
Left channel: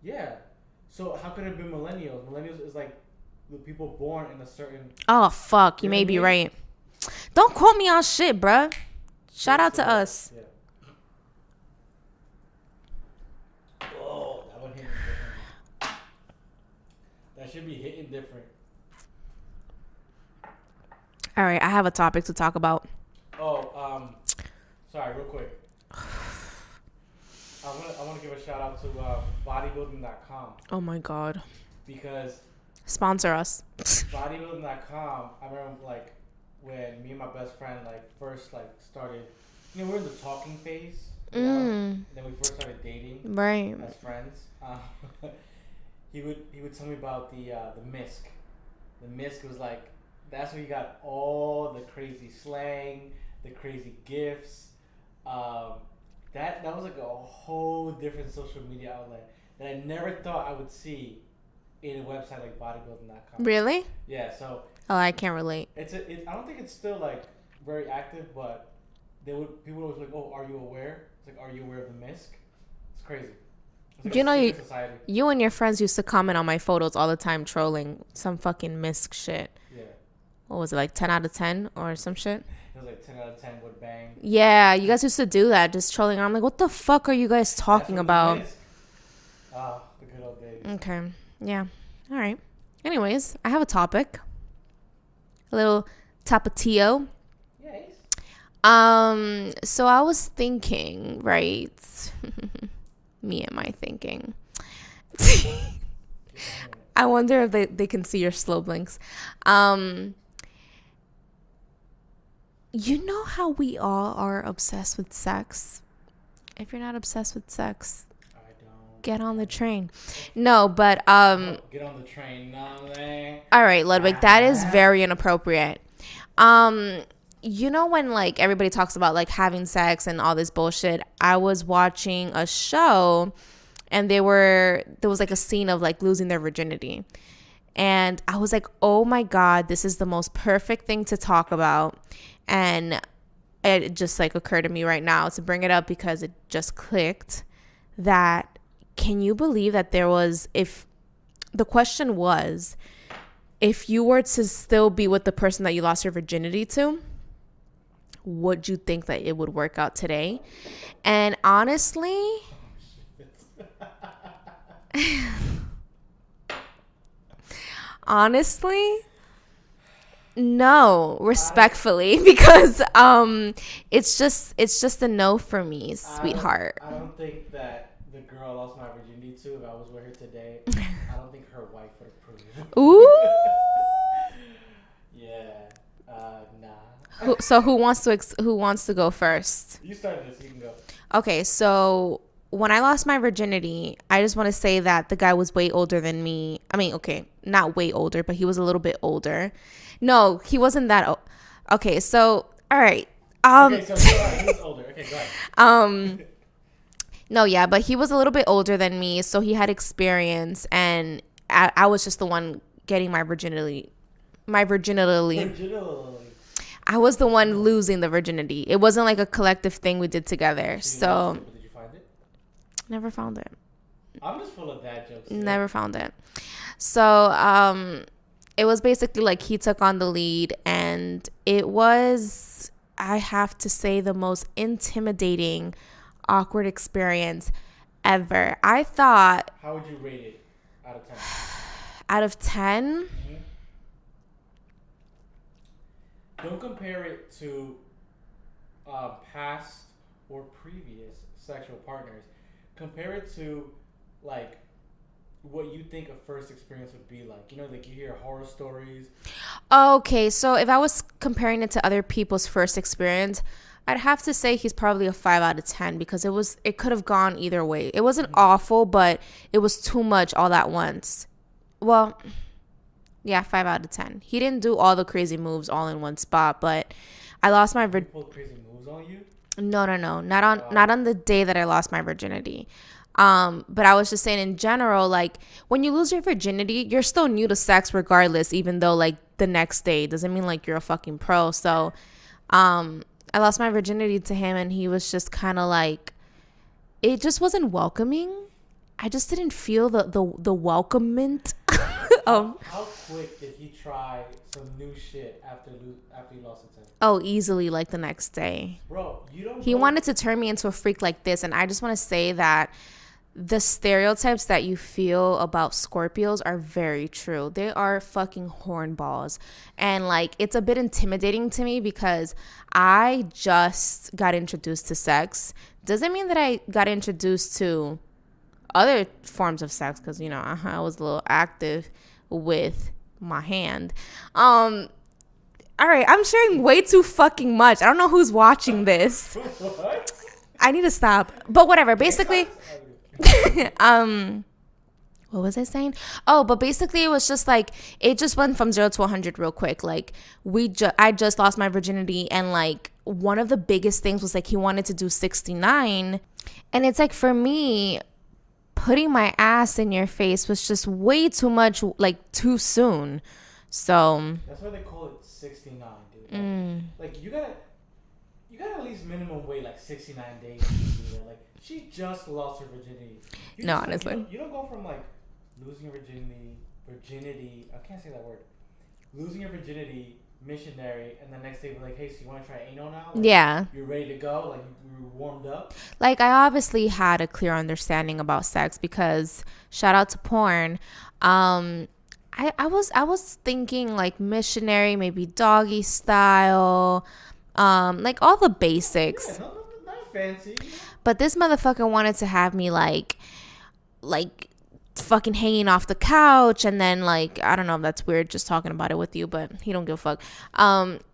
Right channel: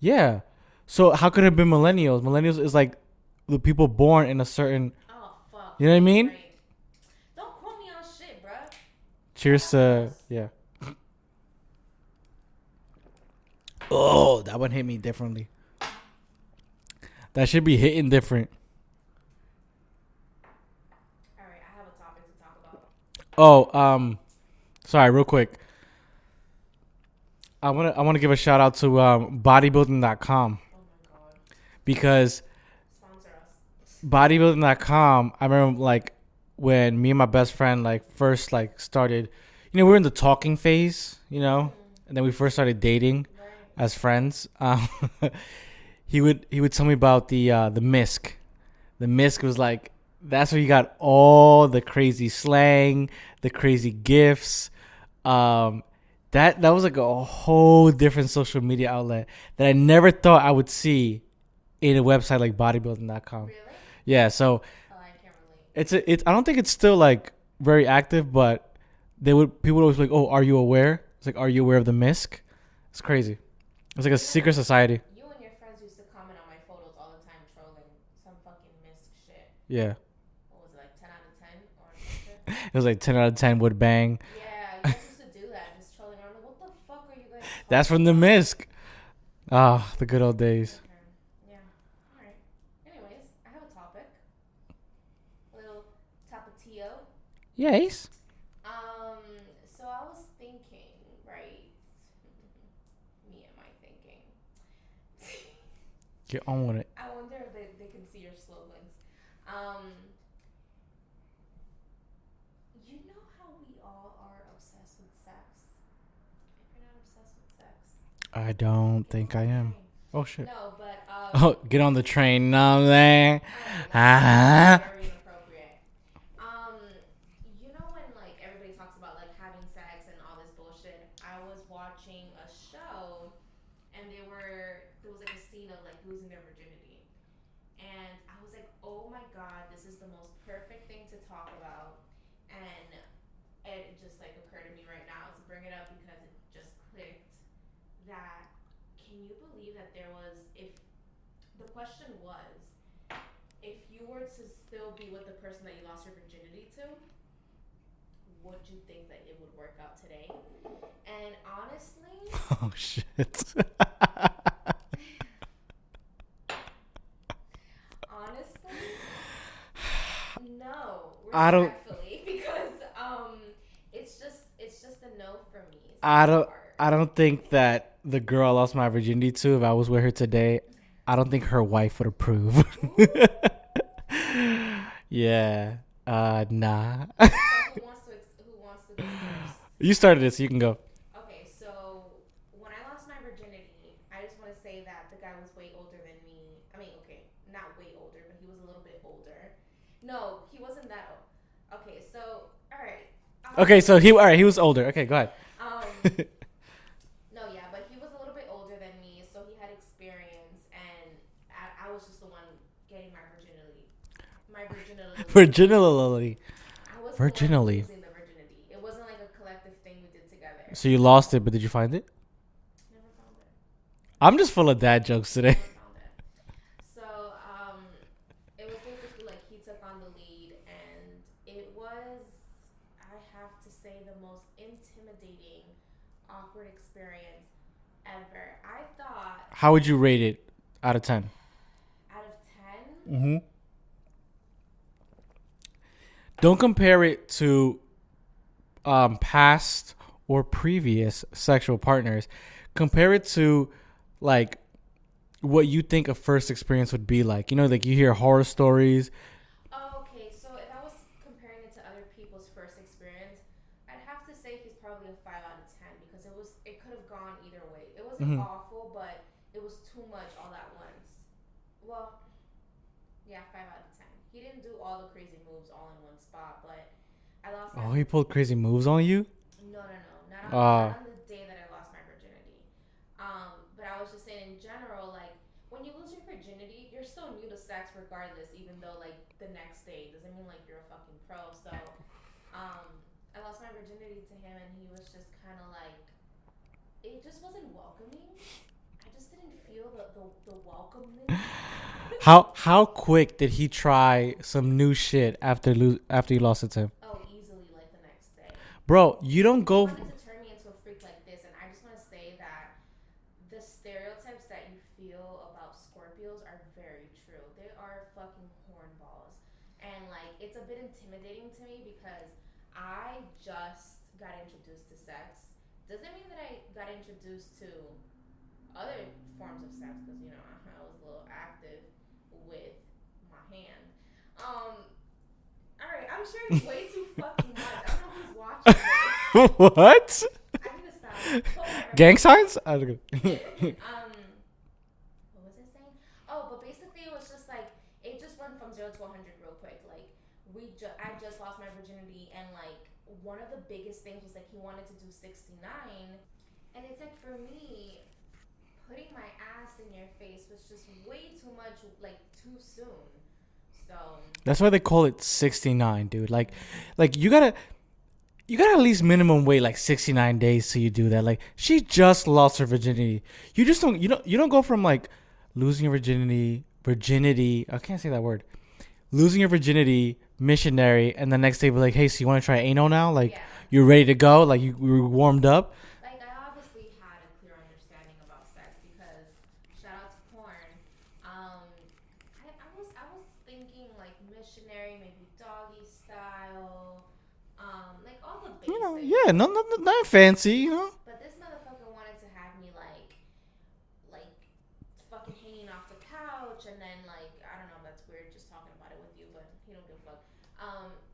Yeah. So how could it have been millennials? Millennials is like the people born in a certain. Oh, fuck. You may be right. Don't quote me on shit, bruh. Shout out to us. Yeah. Oh, that one hit me differently. That should be hitting different. All right, I have a topic to talk about. Oh, sorry, real quick. I want to give a shout out to bodybuilding.com. Oh my god. Because sponsor us. Bodybuilding.com, I remember like when me and my best friend like first like started, we were in the talking phase, know, and then we first started dating, right, as friends. He would tell me about the MISC. The MISC was like, that's where you got all the crazy slang, the crazy gifs. That was like a whole different social media outlet that I never thought I would see in a website like bodybuilding.com. Really? Yeah. So. Oh, I can't relate. It's I don't think it's still like very active, but people would always be like, oh, are you aware? It's like, are you aware of the MISC? It's crazy. It's like a secret society. You and your friends used to comment on my photos all the time, trolling some fucking MISC shit. Yeah. What was it, like 10 out of 10 or some shit? It was like 10 out of 10 would bang. Yeah, you guys used to do that, just trolling. I'm like, what the fuck are you guys talking about? That's from the MISC. Ah, the good old days. Okay. Yeah. All right. Anyways, I have a topic. A little tapatio. Yes. So I was thinking, right? Me and my thinking. Get on with it. I wonder if they can see your slow blinks. You know how we all are obsessed with sex? If you're not obsessed with sex, I don't Get think on I the am. train. Oh, shit. No, but Get on the train. No, man. all right, Ludwig, that is very inappropriate. You know when like everybody talks about like having sex and all this bullshit, I was watching a show and there was like a scene of like losing their virginity. And I was like, "Oh my god, this is the most perfect thing to talk about." And it just like occurred to me right now to bring it up because it just clicked that can you believe that there was if the question was if you were to still be with the person that you lost your virginity to, would you think that it would work out today? And honestly, Oh shit. honestly, no, respectfully, because it's just a no for me, sweetheart. I don't think that the girl I lost my virginity to, if I was with her today, I don't think her wife would approve. Ooh. Yeah. Nah. So who wants to go first? You started it, so you can go. Okay, so when I lost my virginity, I just want to say that the guy was way older than me. I mean, okay, not way older, but he was a little bit older. No, he wasn't that old. Okay, so all right. Okay, so he was older. Okay, go ahead. No, yeah, but he was a little bit older than me, so he had experience, and I was just the one getting my virginity. Virginally. I was the one Virginally. losing the virginity. It wasn't like a collective thing we did together. So you lost it, but did you find it? Never found it. I'm just full of dad jokes today. Never found it. So it was basically like he took on the lead, and it was, I have to say, the most intimidating, awkward experience ever. I thought How would you rate it out of 10? out of 10, Mm-hmm. Don't compare it to past or previous sexual partners. Compare it to like what you think a first experience would be like. You know, like you hear horror stories. okay, so if I was comparing it to other people's first experience, I'd have to say he's probably a 5 out of 10 because it could have gone either way. It wasn't awful, but it was too much all at once. Well, yeah, 5 out of 10. He didn't do all the crazy moves all in one spot, but I lost my He pulled crazy moves on you? No, not on the day that I lost my virginity. But I was just saying in general, like when you lose your virginity, you're still new to sex regardless, even though like the next day doesn't mean like you're a fucking pro. So, I lost my virginity to him, and he was just kind of like, it just wasn't welcoming. I just didn't feel the welcomement. How quick did he try some new shit after you lost it to him? Oh, easily like the next day. Bro, you don't go. He wanted to turn me into a freak like this, and I just want to say that the stereotypes that you feel about Scorpios are very true. They are fucking hornballs. And like it's a bit intimidating to me because I just got introduced to sex. Doesn't mean that I got introduced to other forms of sex because, you know, I was a little active with my hand. All right, I'm sharing way too fucking much. I don't know who's watching this. What? I need to stop. But whatever. Gang Basically, signs? what was I saying? Oh, but basically it was just like it just went from 0 to 100 real quick. Like I just lost my virginity, and like one of the biggest things was like he wanted to do 69, and it's like for me, putting my ass in your face was just way too much, like too soon. So that's why they call it 69, dude. Like you gotta at least minimum wait like 69 days till you do that. Like she just lost her virginity. You just don't you don't go from like losing your virginity. I can't say that word. Losing your virginity, missionary, and the next day be like, hey, so you want to try anal now? Like, yeah, you're ready to go. Like you were warmed up. Like I obviously had a clear understanding about sex because shout out to porn. I was thinking like missionary, maybe doggy style, like all the basics. Yeah, not fancy, you know. But this motherfucker wanted to have me like fucking hanging off the couch, and then like I don't know if that's weird just talking about it with you, but he don't give a fuck.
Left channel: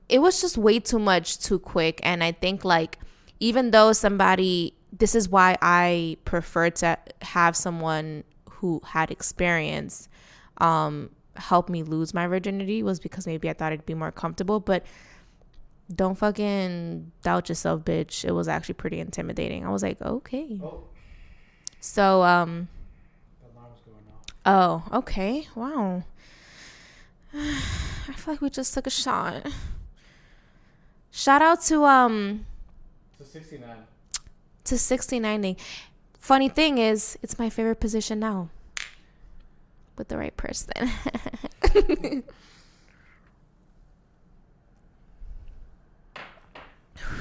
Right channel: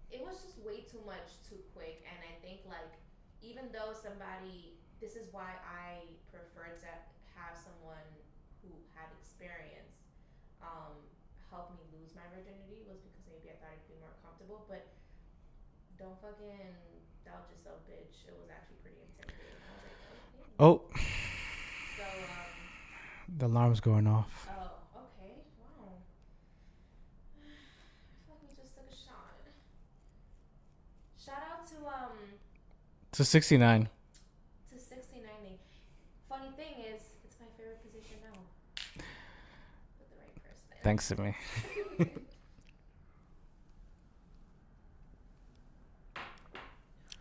It was just way too much too quick, and I think like even though somebody this is why I prefer to have someone who had experience help me lose my virginity, was because maybe I thought it'd be more comfortable. But don't fucking doubt yourself, bitch. It was actually pretty intimidating. I was like, okay. Oh. So The alarm's going off. oh, okay. Wow. I feel like we just took a shot. Shout out to 69. to 69ing. Funny thing is, it's my favorite position now. With the right person. Thanks to me.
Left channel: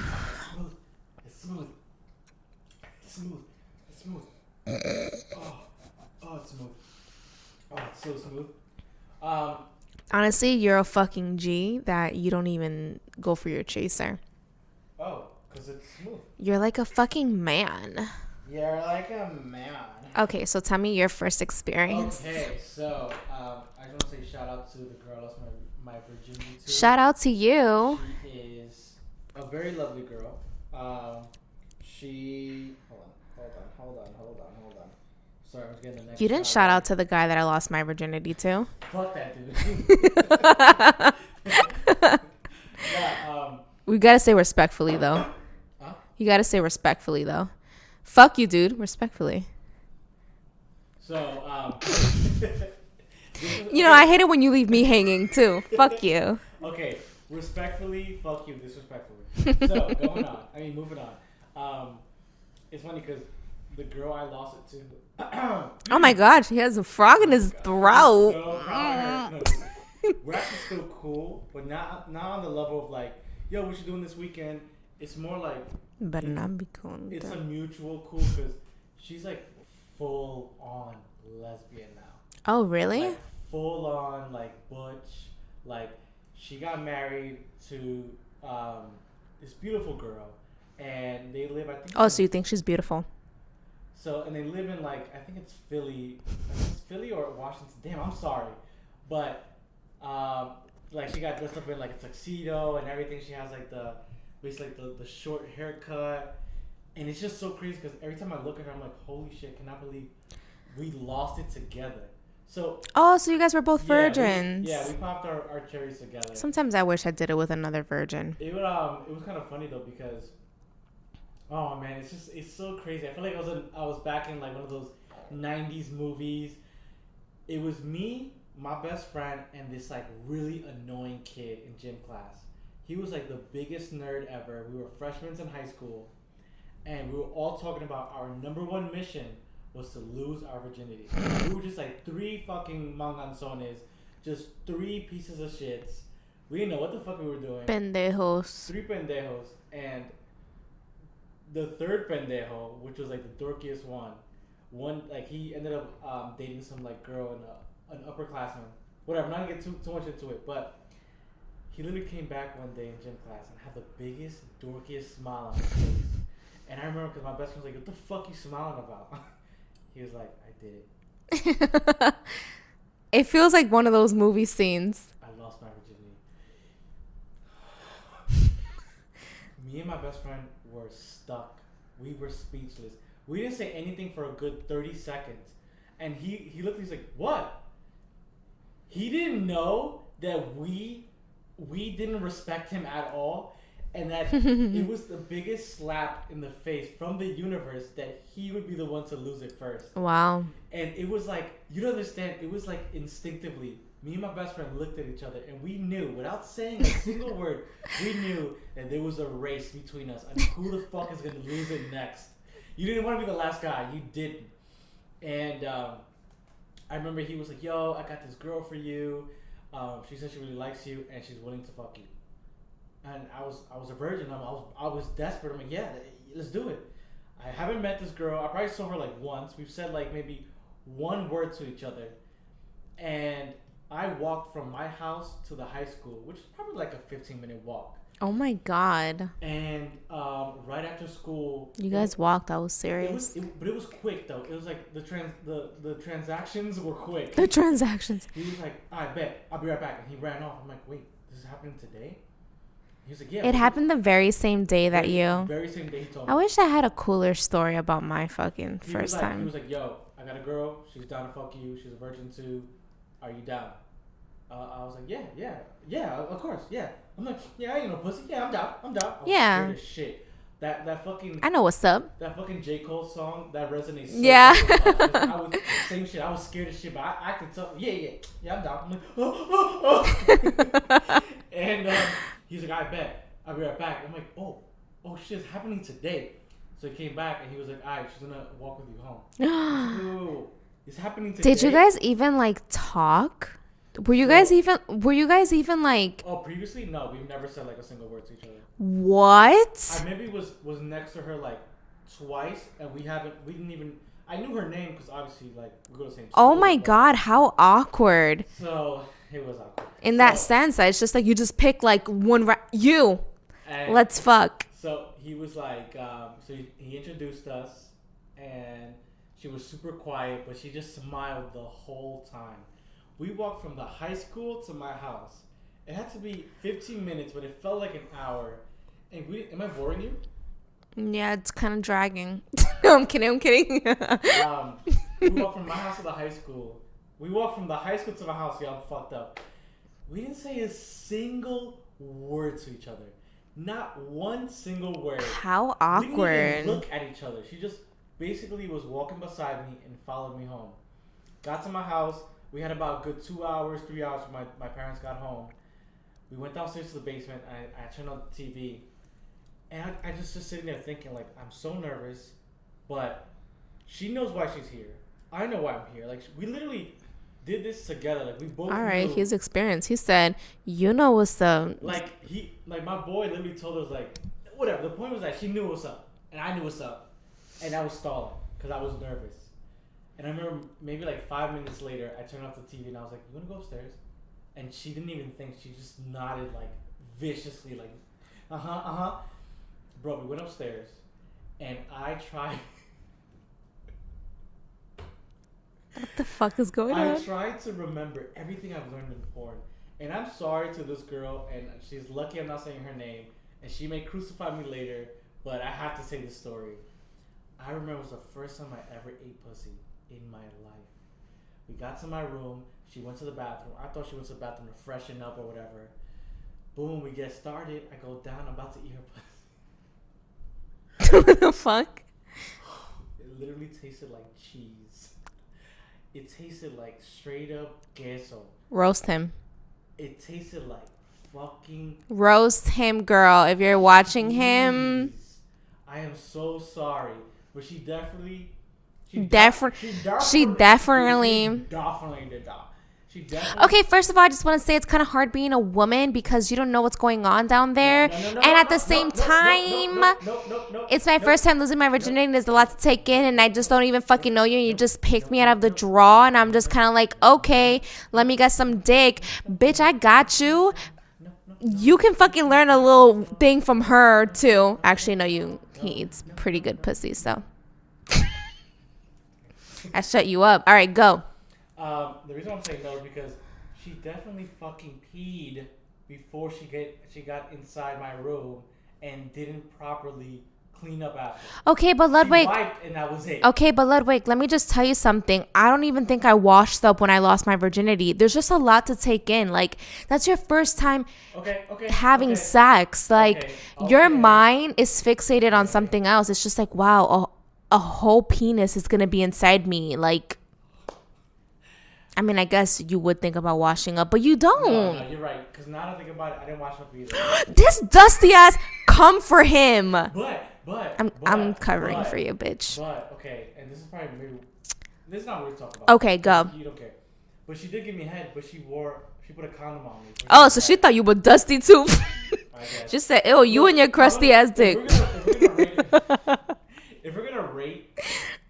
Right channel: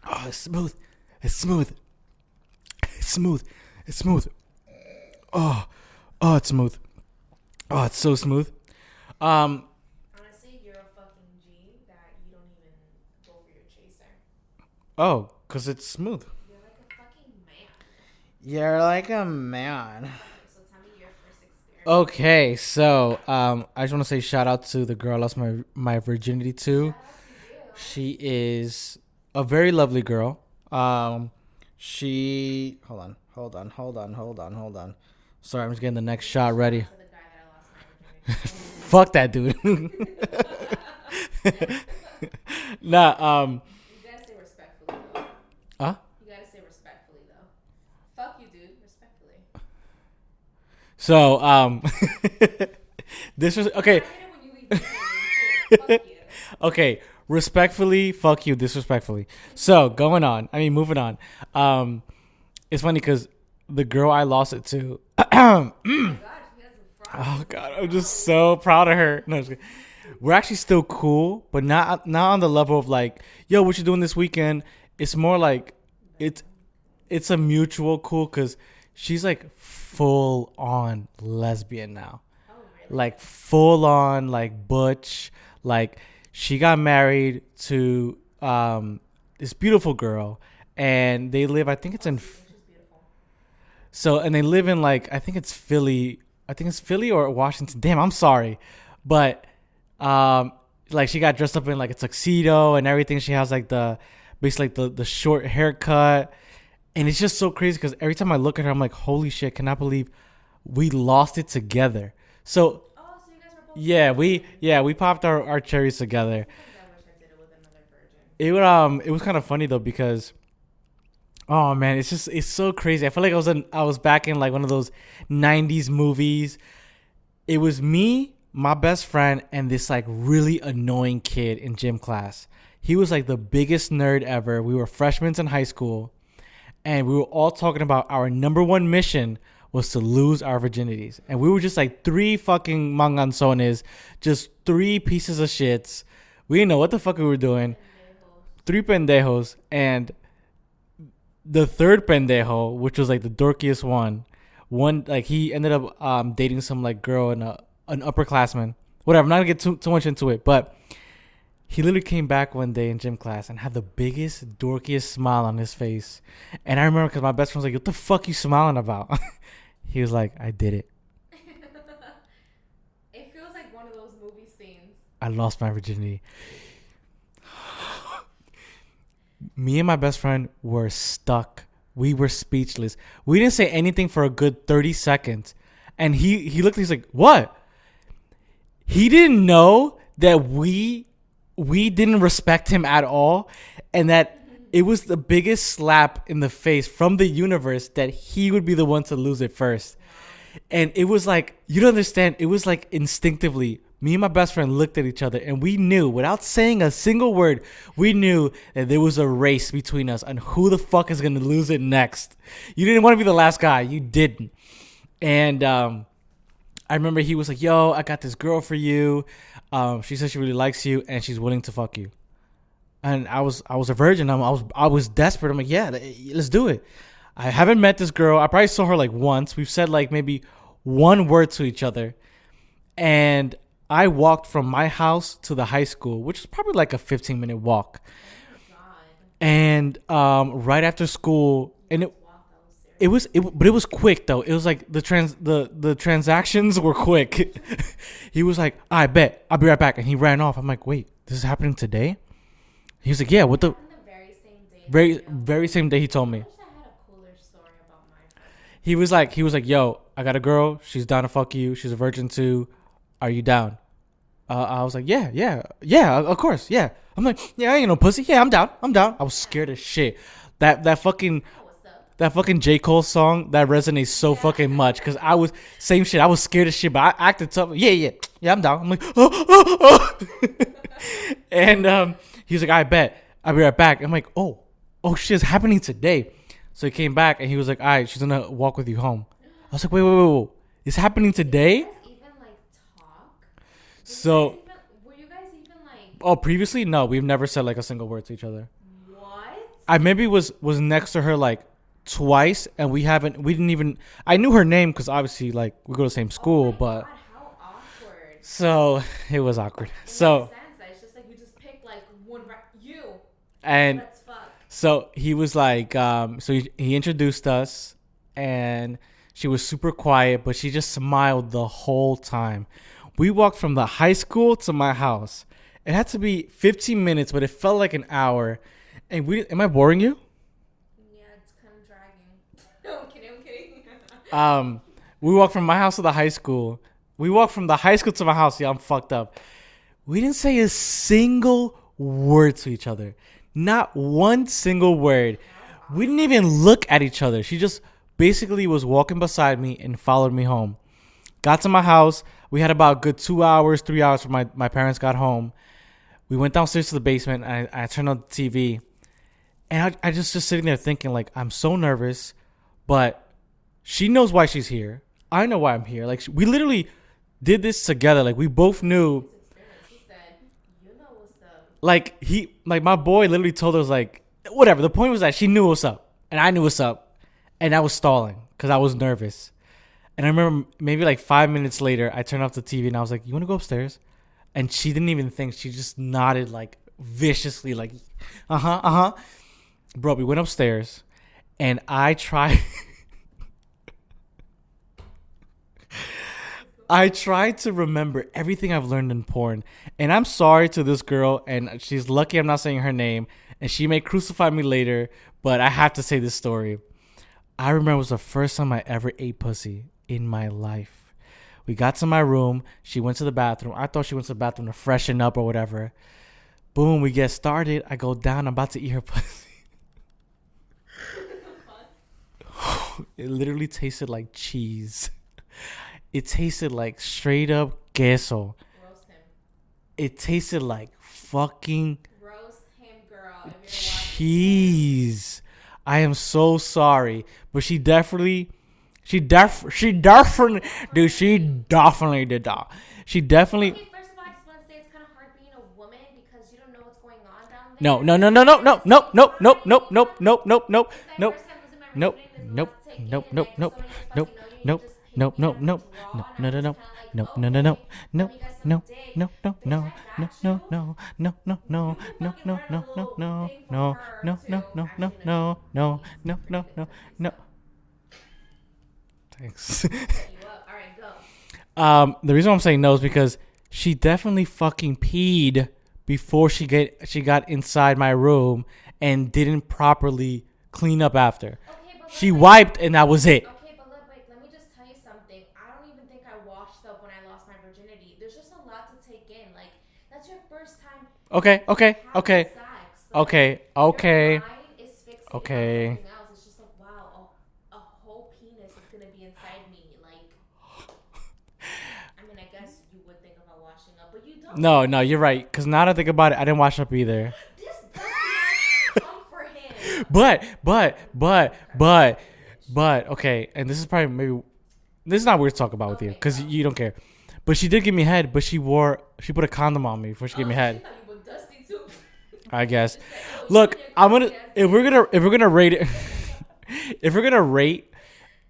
Oh, it's smooth. It's smooth. It's smooth. It's smooth. Oh, it's smooth. Oh, it's so smooth. Honestly, you're a fucking G that you don't even go for your chaser. Oh, because it's smooth. You're like a fucking man. You're like a man. Okay, so tell me your first experience. Okay, so I just want to say shout out to the girl I lost my virginity to. Shout out to you. She is a very lovely girl. She hold on. Sorry, I'm just getting the next You shot didn't shout ready. out to the guy that I lost my virginity to. Fuck that dude. Nah, We gotta say respectfully though. Huh? You gotta say respectfully though. Fuck you, dude. Respectfully. So this was You know, I hate it when you leave me hanging too. Fuck you. Okay, respectfully, fuck you, disrespectfully. So moving on. It's funny because the girl I lost it to. Oh my God, she has a frog in his God, throat. I'm just so proud of her. No, we're actually still cool, but not on the level of like, yo, what you doing this weekend? It's more like it's a mutual cool because she's like full on lesbian now. Oh really? Like full on like butch. Like she got married to this beautiful girl, and they live. I think. So you think she's beautiful? So, and they live in like, I think it's Philly or Washington. Damn, I'm sorry. But, like she got dressed up in like a tuxedo and everything. She has like basically the short haircut. And it's just so crazy because every time I look at her, I'm like, holy shit, cannot believe we lost it together. So. Oh, so you guys were both virgins. We popped our cherries together. Sometimes I wish I did it with another virgin. It was kind of funny though because, oh man, it's so crazy. I feel like I was back in like one of those 90s movies. It was me, my best friend, and this like really annoying kid in gym class. He was like the biggest nerd ever. We were freshmen in high school, and we were all talking about our number one mission was to lose our virginities. And we were just like three fucking manganzones, just three pieces of shits. We didn't know what the fuck we were doing. Pendejos. Three pendejos, and the third pendejo, which was like the dorkiest one like he ended up dating some like girl and an upperclassman. Whatever, I'm not gonna get too much into it, but he literally came back one day in gym class and had the biggest dorkiest smile on his face. And I remember because my best friend was like, "What the fuck you smiling about?" He was like, "I did it." It feels like one of those movie scenes. I lost my virginity. Me and my best friend were stuck. We were speechless. We didn't say anything for a good 30 seconds. And he looked, he's like, what? He didn't know that we didn't respect him at all. And that it was the biggest slap in the face from the universe that he would be the one to lose it first. Wow. And it was like, you don't understand. It was like instinctively, me and my best friend looked at each other and we knew, without saying a single word, we knew that there was a race between us on who the fuck is going to lose it next. You didn't want to be the last guy. You didn't. And I remember he was like, yo, I got this girl for you. She says she really likes you and she's willing to fuck you. And I was a virgin. I was desperate. I'm like, yeah, let's do it. I haven't met this girl. I probably saw her like once. We've said like maybe one word to each other. And I walked from my house to the high school, which is probably like a 15-minute walk. Oh my God. And right after school, you guys walked. I was serious. But it was quick though. It was like the transactions were quick. The transactions. He was like, I bet I'll be right back, and he ran off. I'm like, wait, this is happening today? He was like, yeah. It What happened the very same day that very same day he told me. I wish I had a cooler story about my fucking. He was like, yo, I got a girl. She's down to fuck you. She's a virgin too. Are you down? I was like, yeah, of course, yeah. I'm like, yeah, I ain't no pussy. Yeah, I'm down. I was scared as shit. That fucking. I know what's up. That fucking J. Cole song that resonates so fucking much because I was same shit. I was scared as shit, but I acted tough. Yeah, I'm down. I'm like, and he was like, I bet. I'll be right back. I'm like, oh shit, it's happening today. So he came back and he was like, all right, she's gonna walk with you home. I was like, wait. It's happening today? Did you guys even like talk? Were you guys even like? Oh, previously? No, we've never said like a single word to each other. What? I maybe was next to her like twice and we didn't even, I knew her name because obviously like we go to the same school. Oh my God, how awkward. So it was awkward. In that sense, it's just like you just pick like one, and let's fuck. So he was like, so he introduced us and she was super quiet, but she just smiled the whole time. We walked from the high school to my house. It had to be 15 minutes, but it felt like an hour. And am I boring you? Yeah, it's kind of dragging. No, I'm kidding. We walked from my house to the high school. We walked from the high school to my house. Yeah, I'm fucked up. We didn't say a single word to each other. Not one single word. How awkward. We didn't even look at each other. She just basically was walking beside me and followed me home. Got to my house. We had about a good 2 hours, 3 hours for my parents got home. We went downstairs to the basement. I turned on the TV. And I just sitting there thinking, like, I'm so nervous. But she knows why she's here. I know why I'm here. Like, we literally did this together. Like, we both knew. His experience. He said, you know what's up. Like, my boy literally told us, like, whatever. The point was that she knew what's up. And I knew what's up. And I was stalling because I was nervous. And I remember maybe like 5 minutes later, I turned off the TV and I was like, you want to go upstairs? And she didn't even think. She just nodded like viciously, like, uh-huh. Bro, we went upstairs and I tried. What the fuck is going on? I tried to remember everything I've learned in porn. And I'm sorry to this girl. And she's lucky I'm not saying her name. And she may crucify me later. But I have to say this story. I remember it was the first time I ever ate pussy in my life. We got to my room. She went to the bathroom. I thought she went to the bathroom to freshen up or whatever. Boom, we get started. I go down. I'm about to eat her pussy. What the fuck? It literally tasted like cheese. It tasted like straight up queso. Roast him. It tasted like fucking roast him, girl. If you're watching him. I am so sorry. But she definitely did that. She definitely. Okay, first of all, I just want to say it's kind of hard being a woman because you don't know what's going on down there. No. It's my first time losing my virginity and there's a lot to take in and I just don't even fucking know you and you just pick me out of the draw and I'm just kind of like, okay, let me get some dick. Bitch, I got you. You can fucking learn a little thing from her too. Actually, no, he eats pretty good pussy, so. Thanks. I shut you up. All right, go. The reason I'm saying no is because she definitely fucking peed before she got inside my room and didn't properly clean up after. Okay, but Ludwig, she wiped and that was it. Okay, but Ludwig, let me just tell you something. I don't even think I washed up when I lost my virginity. There's just a lot to take in. Like, that's your first time having sex. Like, your mind is fixated on something else. It's just like, wow, a whole penis is going to be inside me. Like, I mean, I guess you would think about washing up, but you don't. No, you're right. Because now that I think about it, I didn't wash up either. This dusty ass, come for him. But I'm covering for you, bitch. But, okay, and this is probably this is not weird to talk about. Okay, go. You don't care. But she did give me head, but she put a condom on me. She thought you were dusty too. I guess. She said, "Ew, you and your crusty ass dick." If we're gonna rate it, if we're gonna rate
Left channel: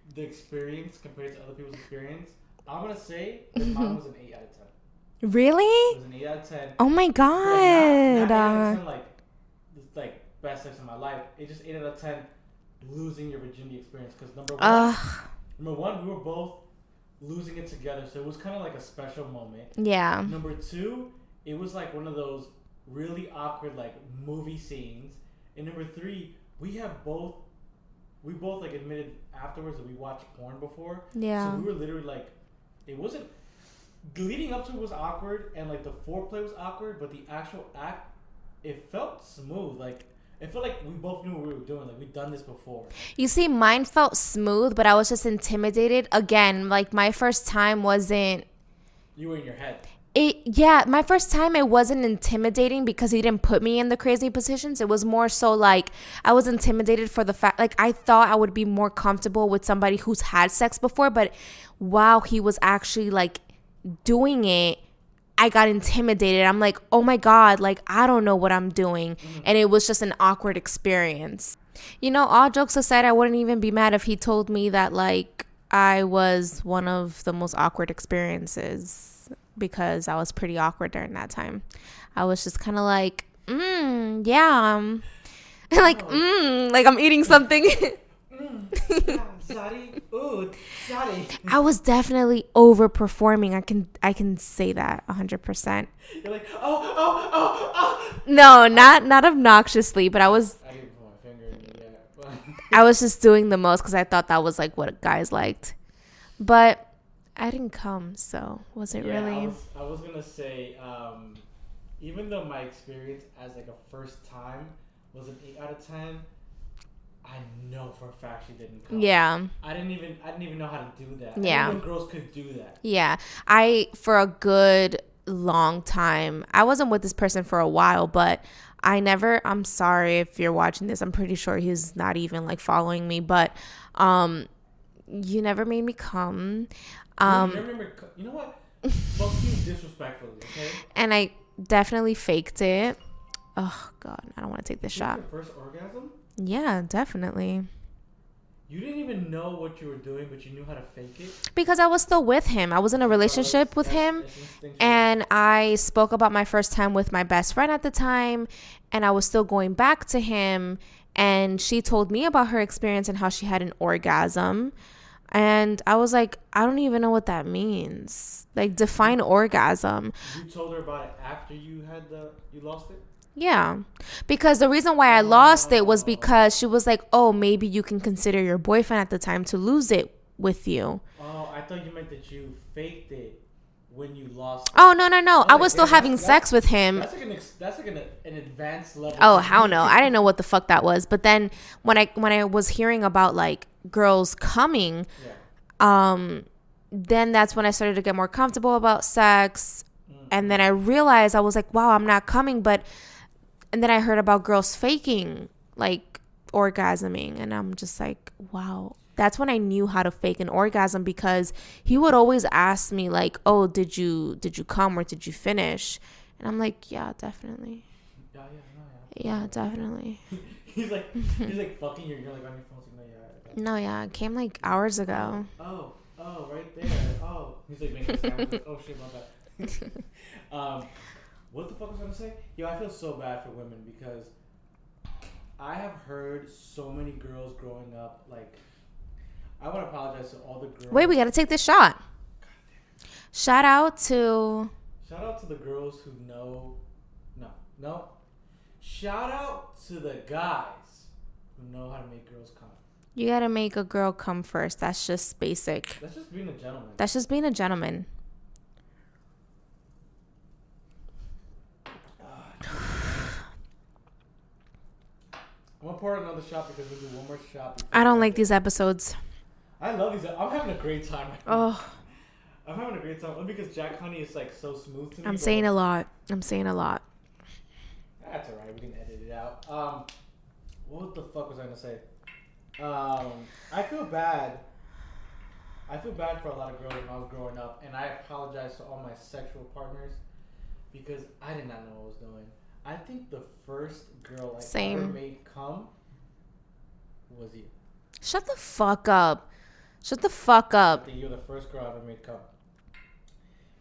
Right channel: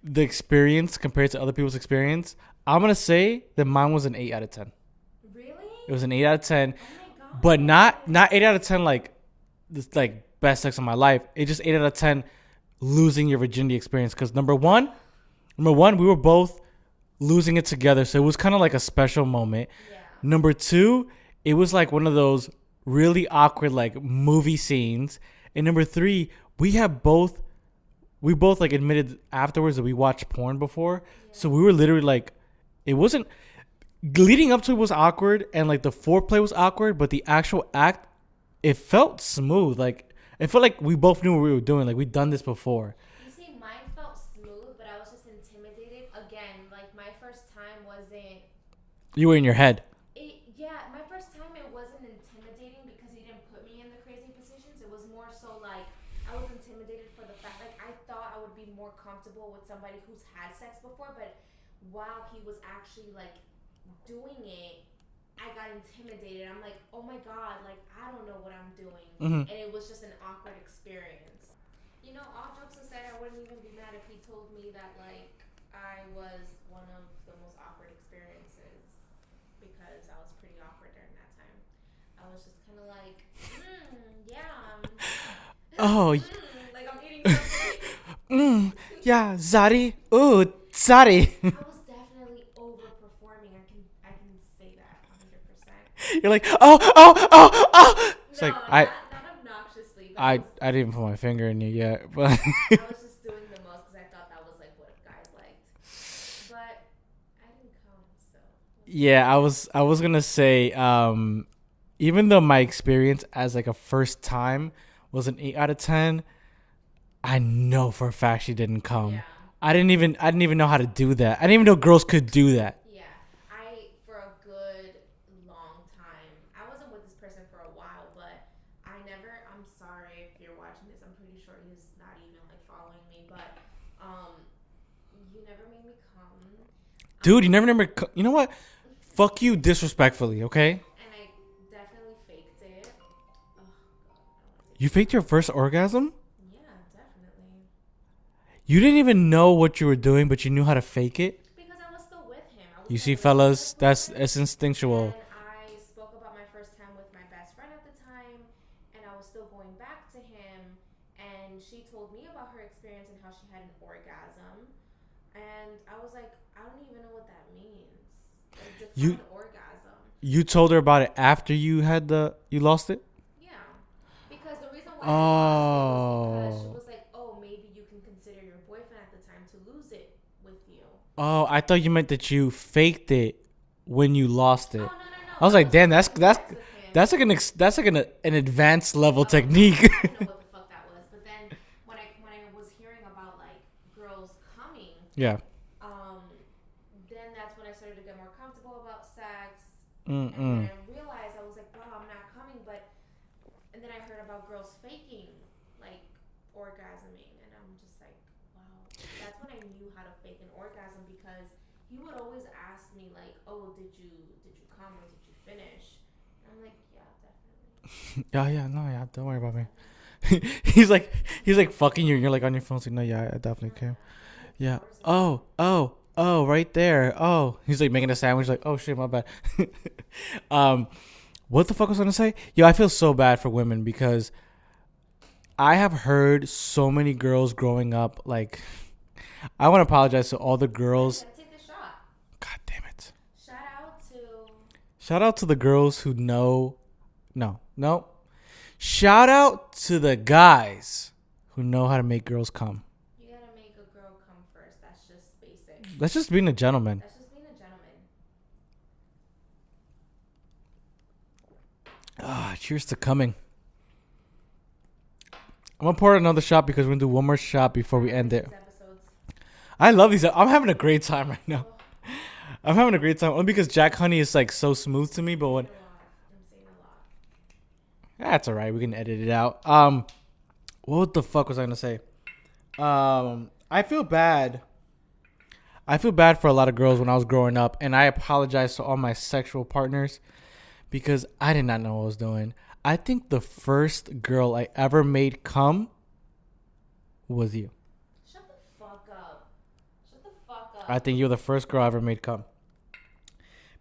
the experience compared to other people's experience, I'm gonna say that mine was an 8 out of 10. Really? It was an 8 out of 10. Oh my God! But not 8 out of 10 like this like best sex of my life. It's just 8 out of 10 losing your virginity experience. Because number one, we were both losing it together, so it was kind of like a special moment. Yeah. Number two, it was like one of those really awkward like movie scenes. And number 3, we both like admitted afterwards that we watched porn before. Yeah. So we were literally like, it wasn't leading up to it was awkward, and like the foreplay was awkward, but the actual act, it felt smooth. Like it felt like we both knew what we were doing. Like we'd done this before. You see, mine felt smooth, but I was just intimidated. Again, like my first time wasn't. You were in your head. My first time it wasn't intimidating because he didn't put me in the crazy positions. It was more so like I was intimidated for the fact, like I thought I would be more comfortable with somebody who's had sex before, but while he was actually like doing it, I got intimidated. I'm like, oh my God, like I don't know what I'm doing. And it was just an awkward experience. You know, all jokes aside, I wouldn't even be mad if he told me that like I was one of the most awkward experiences, because I was pretty awkward during that time. I was just kind of like, yeah. Like, like I'm eating something. Yeah, Zari. Ooh, Zari. I was definitely overperforming. I can say that 100%. You're like, oh. No, not obnoxiously, but I didn't even put my finger in you yet. But I was just doing the most because I thought that was like what guys liked. But I didn't come, so wasn't. Yeah, really. I was gonna say, even though my experience as like a first time was an 8 out of 10, I know for a fact she didn't come. Yeah. I didn't even know how to do that. I Yeah. didn't even know girls could do that. Yeah. For a good long time, I wasn't with this person for a while, but I'm sorry if you're watching this. I'm pretty sure he's not even like following me, but you never made me come. Dude, you never, you know what? Fuck you disrespectfully, okay? And I definitely faked it. Oh, God. I don't want to take You the shot. faked your first orgasm? Yeah, definitely. You didn't even know what you were doing, but you knew how to fake it? Because I was still with him. I was in a fellas, relationship with him. It's instinctual. And I spoke about my first time with my best friend at the time. And I was still going back to him. And she told me about her experience and how she had an orgasm. And I was like, I don't even know what that means. Like, define orgasm. You told her about it after you lost it? Yeah. Because the reason why I lost it was because she was like, oh, maybe you can consider your boyfriend at the time to lose it with you. Oh, I thought you meant that you faked it when you lost it. Oh, no. I was still having sex with him. That's like an advanced level oh, technique. Hell no. I didn't know what the fuck that was. But then when I was hearing about like girls coming, yeah. Then that's when I started to get more comfortable about sex. And then I realized, I was like, wow, I'm not coming. And then I heard about girls faking like orgasming, and I'm just like, wow. That's when I knew how to fake an orgasm, because he would always ask me like, oh, did you come or did you finish? And I'm like, yeah, definitely. Yeah, Definitely. he's like fucking you, and you're like on your phone saying, no, yeah, I definitely No, can. yeah, it came like hours ago. Oh, right there. Oh, he's like making a sandwich. Like, oh shit, my bad. What the fuck was I gonna say? Yo, I feel so bad for women, because I have heard so many girls growing up. Like, I want to apologize to all the girls. Wait, we gotta take this shot. God damn it! Shout out to the girls who know. No. Shout out to the guys who know how to make girls come. You gotta make a girl come first. That's just basic. That's just being a gentleman. Cheers to coming. I'm gonna pour another shot because we're gonna do one more shot before. I don't like these episodes. I love these. I'm having a great time right now. I'm having a great time only because Jack Honey is like so smooth to me. I'm saying a lot. That's all right. We can edit it out. What the fuck was I gonna say? I feel bad. For a lot of girls when I was growing up, and I apologize to all my sexual partners because I did not know what I was doing. I think the first girl I ever made come was you. Shut the fuck up. I think you're the first girl I ever made come.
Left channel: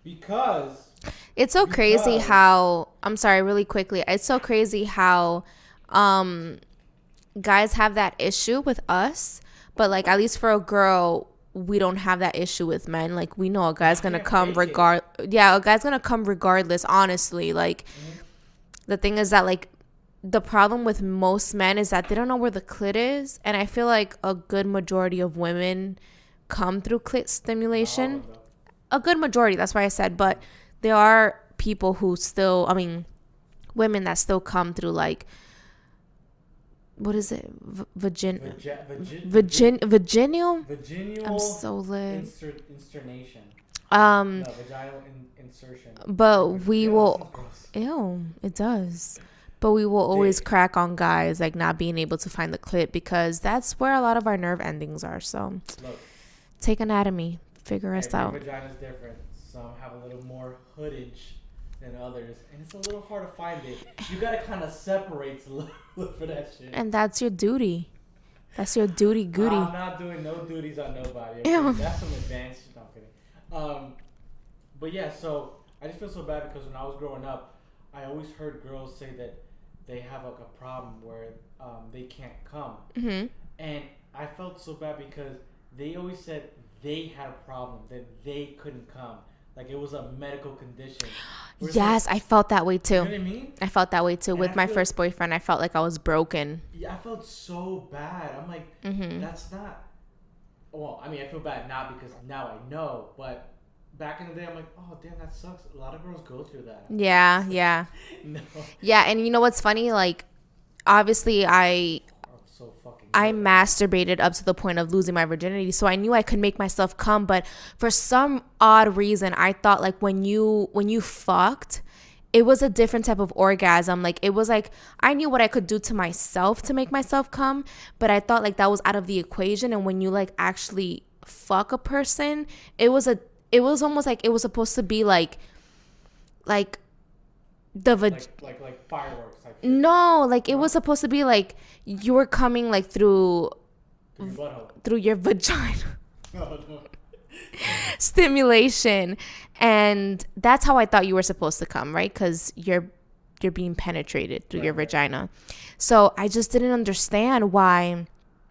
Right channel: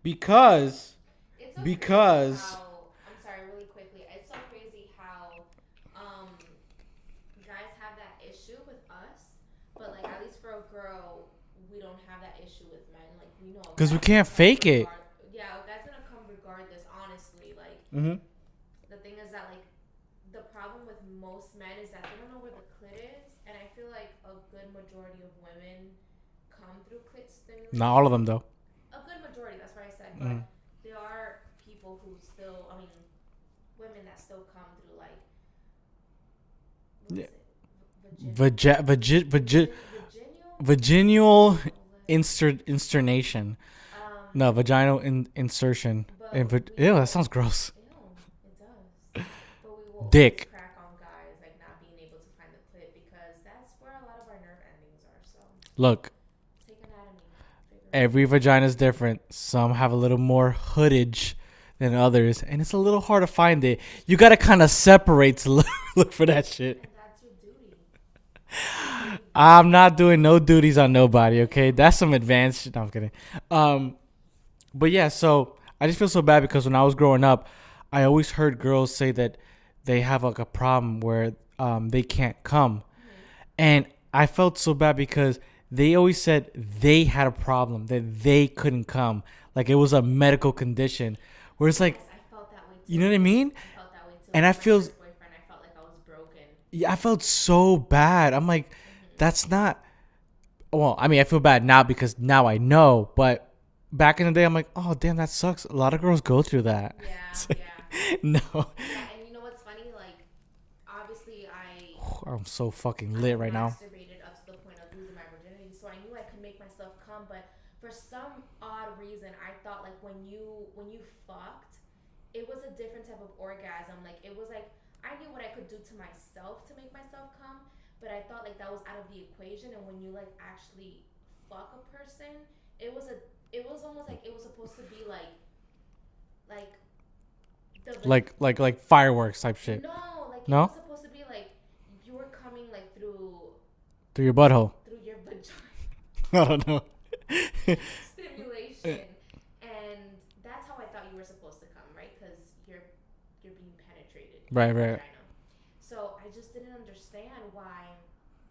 Because it's so crazy how, I'm sorry, really quickly. It's so crazy how guys have that issue with us, but like at least for a girl, we don't have that issue with men. Like we know a guy's gonna come a guy's gonna come regardless, honestly. Like the thing is that like the problem with most men is that they don't know where the clit is, and I feel like a good majority of women come through clit stimulation. Not all of them though. A good majority, that's why I said, but there are people who still, I mean, women that still come through like, what is it? Vaginal insternation. No, vaginal insertion. But ew, that sounds gross. Ew, it does. But we will always crack on guys like not being able to find the clit because that's where a lot of our nerve endings are. So look, take anatomy, figure it out. Every vagina is different. Some have a little more hoodage than others, and it's a little hard to find it. You gotta kind of separate to look for that shit. And that's your duty. That's your duty. Goody. I'm not doing no duties on nobody. Okay, ew. That's some advanced shit. No, I'm kidding. But yeah, so I just feel so bad because when I was growing up, I always heard girls say that they have like a problem where they can't come, and I felt so bad because they always said they had a problem that they couldn't come, like it was a medical condition. Yes, like, I felt that way too. You know what I mean? I felt that way too. And with my first boyfriend, I felt like I was broken. Yeah, I felt so bad. I'm like, that's not. Well, I mean, I feel bad now because now I know. But back in the day, I'm like, oh, damn, that sucks. A lot of girls go through that. Yeah, yeah. No. Yeah, and you know what's funny? Like, obviously, I'm so fucking. I masturbated up to the point of losing my virginity, so I knew I could make myself come. But for some odd reason, I thought like when you fucked, it was a different type of orgasm. Like it was like I knew what I could do to myself to make myself come, but I thought like that was out of the equation. And when you like actually fuck a person, it was almost like it was supposed to be like. Like fireworks type shit. No, like it was supposed to be like you were coming like through your butthole, through your vagina. I don't know. Stimulation, and that's how I thought you were supposed to come, right? Because you're being penetrated through your vagina. So I just didn't understand why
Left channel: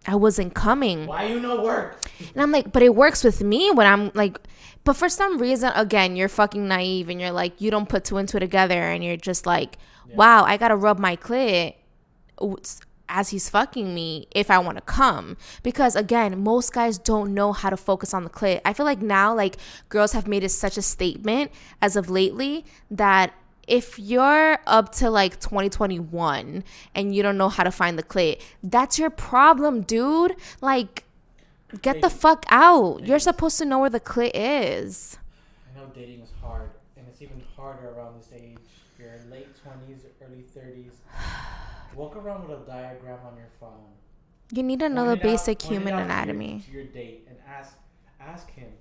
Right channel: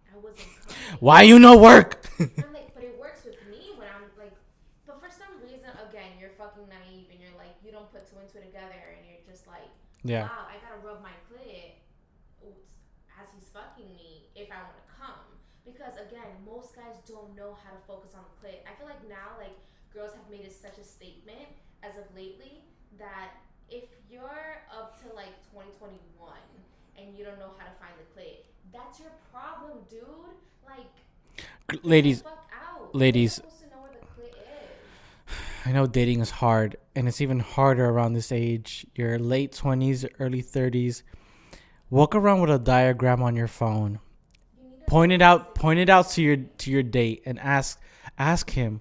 I wasn't coming. Why you no work? And I'm like, but it works with me when I'm like. But for some reason, again, you're fucking naive and you're like, you don't put two and two together and you're just like, wow, I got to rub my clit as he's fucking me if I want to come. Because again, most guys don't know how to focus on the clit. I feel like now, like girls have made it such a statement as of lately that if you're up to like 2021 and you don't know how to find the clit, that's your problem, dude. Like, get the fuck out. Ladies, you're supposed to know where the clit is. I know dating is hard, and it's even harder around this age. Your late 20s, early 30s. Walk around with a diagram on your phone. You need to know the basic point it human out anatomy. to your date and ask him,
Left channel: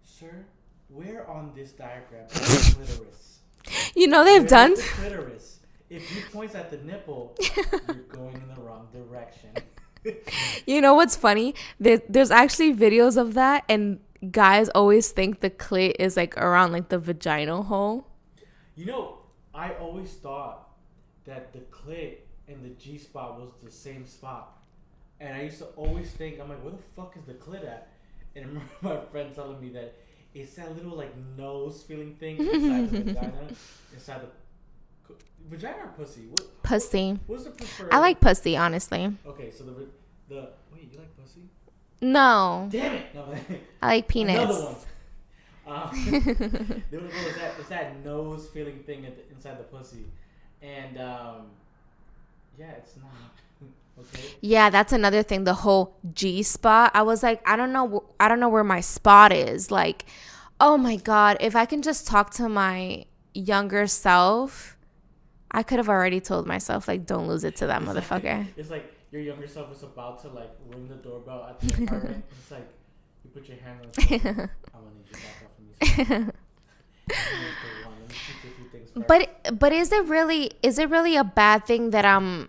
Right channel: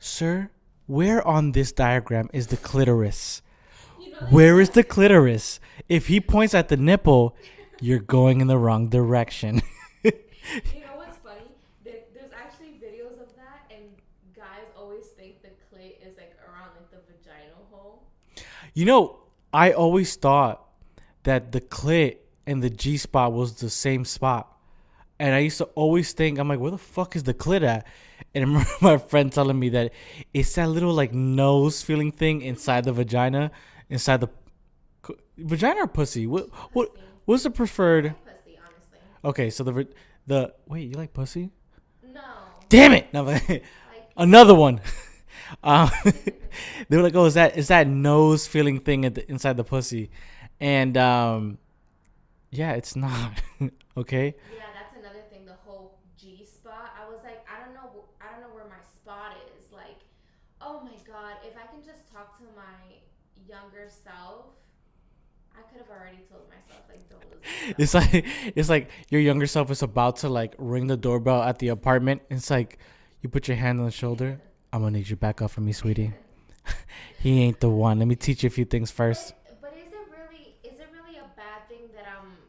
sir, where on this diagram is the clitoris? You know they've done. Where is the clitoris? If he points at the nipple, you're going in the wrong direction. You know what's funny? There's actually videos of that, and guys always think the clit is like around like the vaginal hole. You know, I always thought that the clit and the G spot was the same spot, and I used to always think, I'm like, where the fuck is the clit at? And I remember my friend telling me that it's that little like nose feeling thing inside the vagina, inside the vagina or pussy? Pussy. What's the preferred? I like pussy, honestly. Okay, so the wait, you like pussy? No. Damn it! No, I like penis. Another one. They were like, oh, is that nose feeling thing inside the pussy? And yeah, it's not. Okay. Yeah, that's another thing. The whole G spot. I was like, I don't know where my spot is. Like, oh my God, if I can just talk to my younger self, I could have already told myself, like, don't lose it to that motherfucker. It's like your younger self is about to like ring the doorbell at the apartment. It's like you put your hand on the shoulder. I'm gonna need you back up for me, sweetie. He ain't the one. Let me teach you a few things first. But is it really a bad thing that I'm?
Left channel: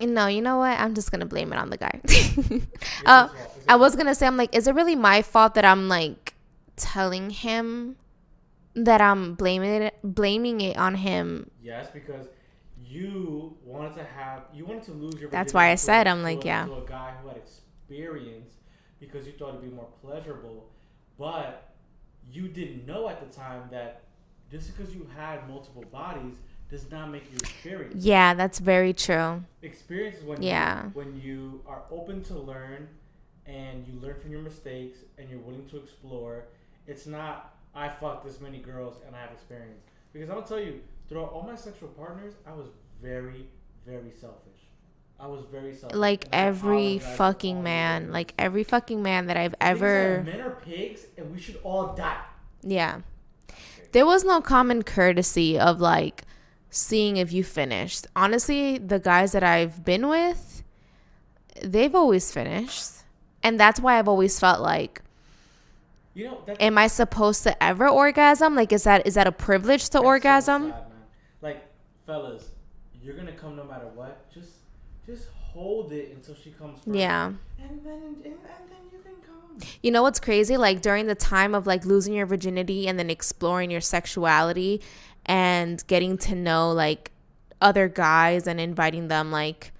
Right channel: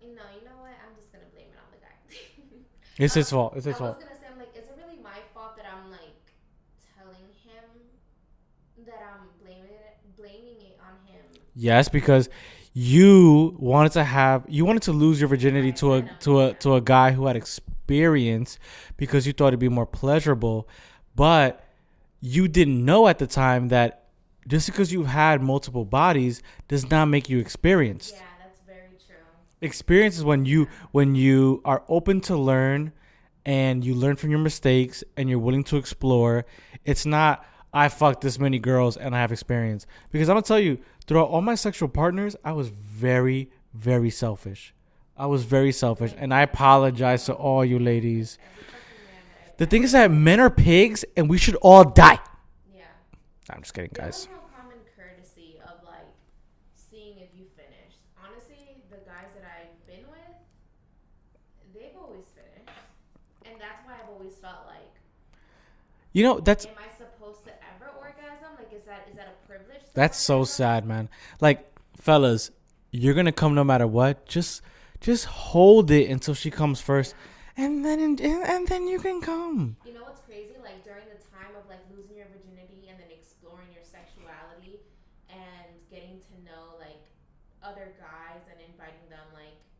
No, you know what? I'm just gonna blame it on the guy. It's his fault. I was gonna say, I'm like, is it really my fault that I'm like telling him that I'm blaming it on him? Yes, because you wanted to lose your virginity to a guy who had experience because you thought it'd be more pleasurable, but you didn't know at the time that just because you've had multiple bodies does not make you experienced. Yeah, that's very true. Experience is when you are open to learn and you learn from your mistakes and you're willing to explore. It's not, I fucked this many girls and I have experience. Because I'm going to tell you, throughout all my sexual partners, I was very, very selfish. I was very selfish. Like, and I apologize to all you ladies. Like every fucking man that I've ever... The thing is that men are pigs and we should all die. Yeah. I'm just kidding. There was no common courtesy of like seeing if you finished. Honestly, the guys that I've been with, they've always finished. And that's why I've always felt like, you know, that's... Am I supposed to ever orgasm? Like, is that a privilege to orgasm? That's so sad, man. Like, fellas, you're going to come no matter what. Just hold it until she comes first. Yeah. And then you can come. You know what's crazy? Like, during the time of like losing your virginity and then exploring your sexuality and getting to know like other guys and inviting them like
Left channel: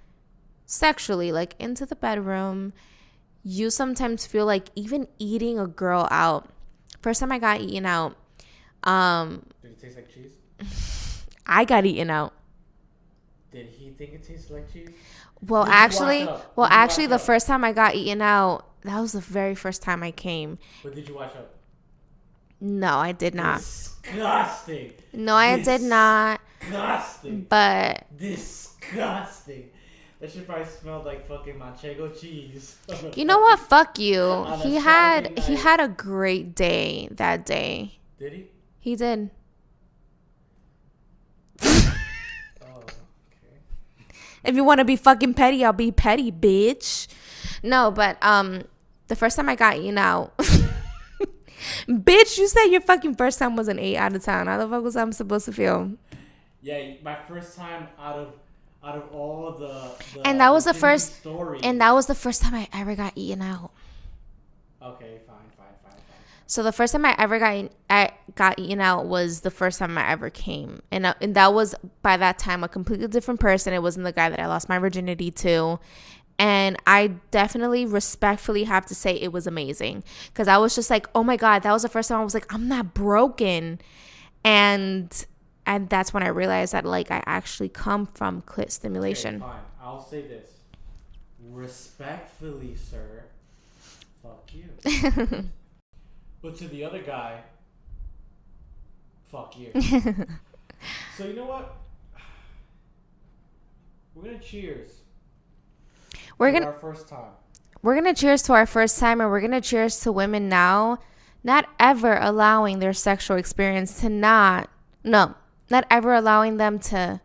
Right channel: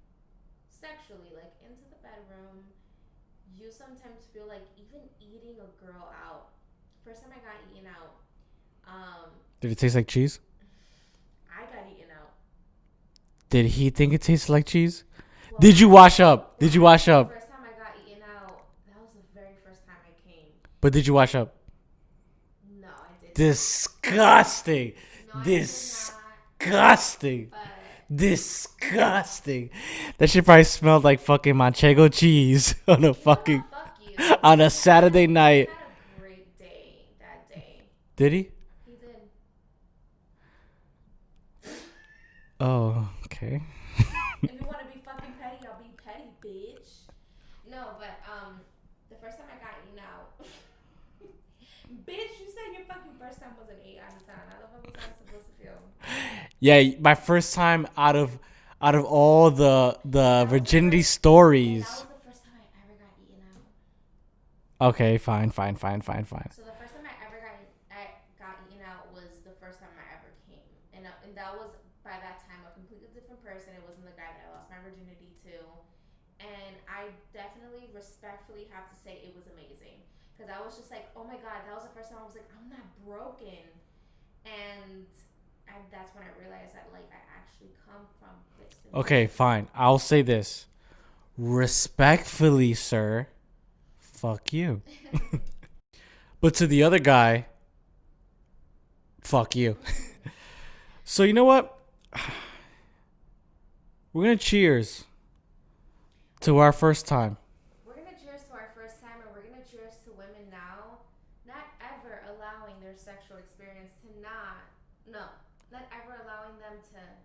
sexually like into the bedroom, you sometimes feel like even eating a girl out. First time I got eaten out, did it taste like cheese? I got eaten out. Did he think it tasted like cheese? Well, did you wash up? Well, did you actually, wash up? the first time I got eaten out, that was the very first time I came. But did you wash up? No, I did not. Disgusting. No, I did not. Disgusting. But disgusting. That shit probably smelled like fucking manchego cheese. You know what? Fuck you. On a Saturday night. He had a great day that day. Did he? He did. Oh, okay. If you want to be fucking petty, I'll be petty, bitch. No, but the first time I got eaten out, bitch, you said your fucking first time was an 8 out of 10. How the fuck was I supposed to feel? Yeah, my first time out of all the and that was virginity the first stories. And that was the first time I ever got eaten out. Okay, fine. So the first time I ever got eaten out was the first time I ever came. And that was, by that time, a completely different person. It wasn't the guy that I lost my virginity to. And I definitely respectfully have to say it was amazing. Because I was just like, oh my God, that was the first time I was like, I'm not broken. And that's when I realized that, like, I actually come from clit stimulation. Okay, fine. I'll say this. Respectfully, sir. Fuck you. But to the other guy, fuck you. So you know what? We're going to cheers to our first time. We're going to cheers to our first time, and we're going to cheers to women now not ever allowing their sexual experience to not ever allowing them to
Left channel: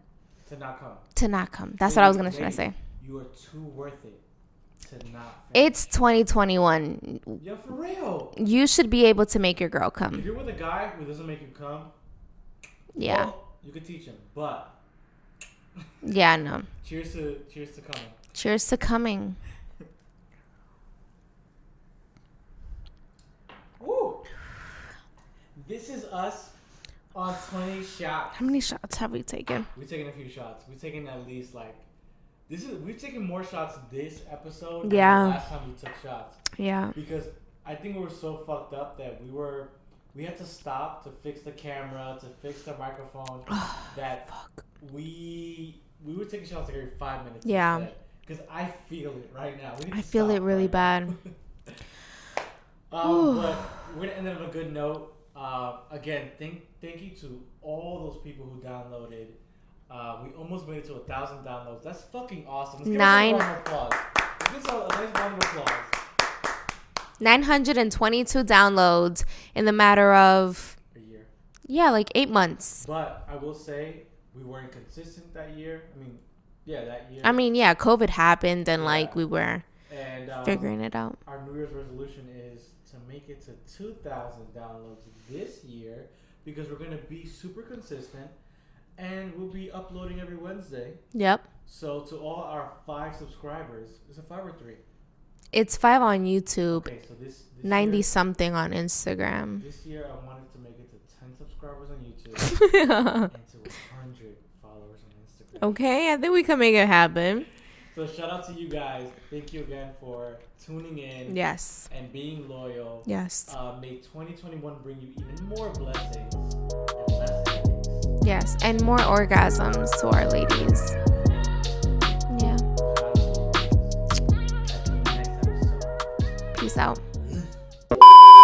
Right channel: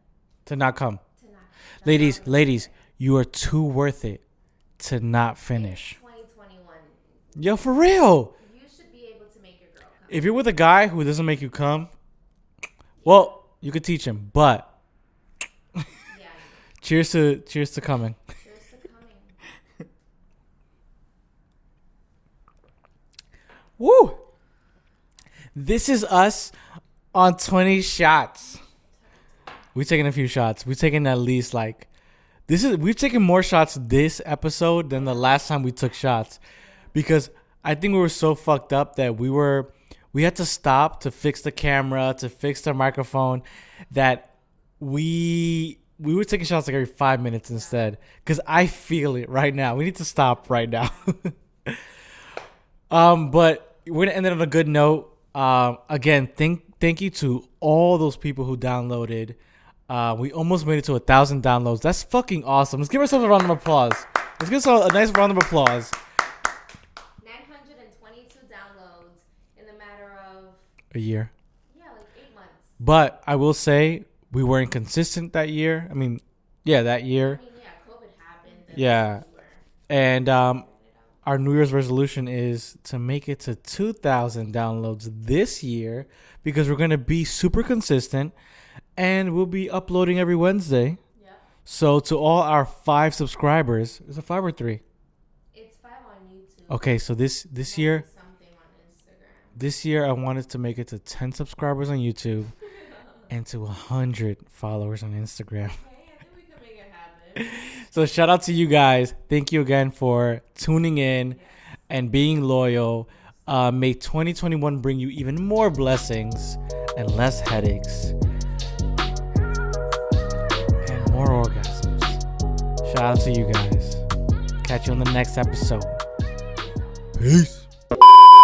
not come. That's what I was going to say. Ladies, you are too worth it to not finish. It's 2021. Yo, for real. You should be able to make your girl come. If you're with a guy who doesn't make you come, yeah. Well, you could teach him, but yeah, no. Cheers to coming. Cheers to coming. Woo! This is us on 20 shots. How many shots have we taken? We've taken a few shots. We've taken at least like we've taken more shots this episode than the last time we took shots. Yeah. Because I think we were so fucked up that we had to stop to fix the camera, to fix the microphone, that we were taking shots like every 5 minutes instead. Because I feel it right now. We need to stop right now. But we're gonna end it on a good note. Again, thank you to all those people who downloaded. We almost made it to 1,000 downloads. That's fucking awesome. Let's give ourselves a round of applause. Let's give ourselves a nice round of applause. 922 downloads in the matter of a year. Yeah, like 8 months. But I will say we weren't consistent that year. That year. COVID happened and like we were figuring it out. Our New Year's resolution is to make it to 2,000 downloads this year because we're going to be super consistent and we'll be uploading every Wednesday. Yep. So to all our 5 subscribers, is it 5 or 3? It's 5 on YouTube. Okay, so this 90 year, something on Instagram. This year I wanted to make it to 10 subscribers on YouTube and to 100 followers on Instagram. Okay, I think we can make it happen. So shout out to you guys. Thank you again for tuning in. Yes. And being loyal. Yes. May 2021 bring you even more blessings and less headaches. Yes, and more orgasms to our ladies. And more orgasms. Yeah. Shout out to you guys. Catch you on the next episode. Peace out. Peace.